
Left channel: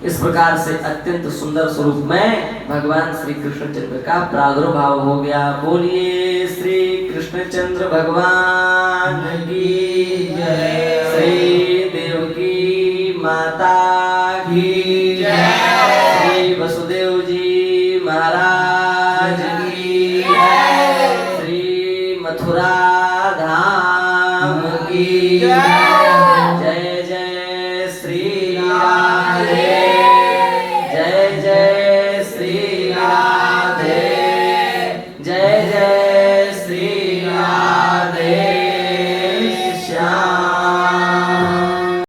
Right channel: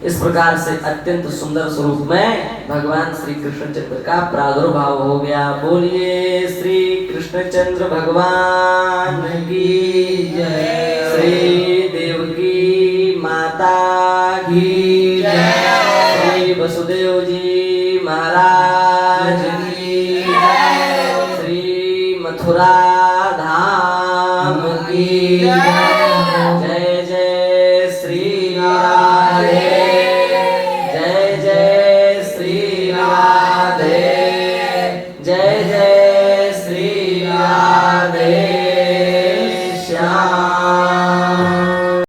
इस प्रकार से अत्यंत सुंदर स्वरूप में भगवान श्री कृष्णचंद्र का प्रादुर्भाव हो गया। बोलिए श्री कृष्णचंद्र भगवान की जय, श्री देवकी माता की जय, श्री वसुदेव जी महाराज की जय, श्री मथुरा धाम की जय।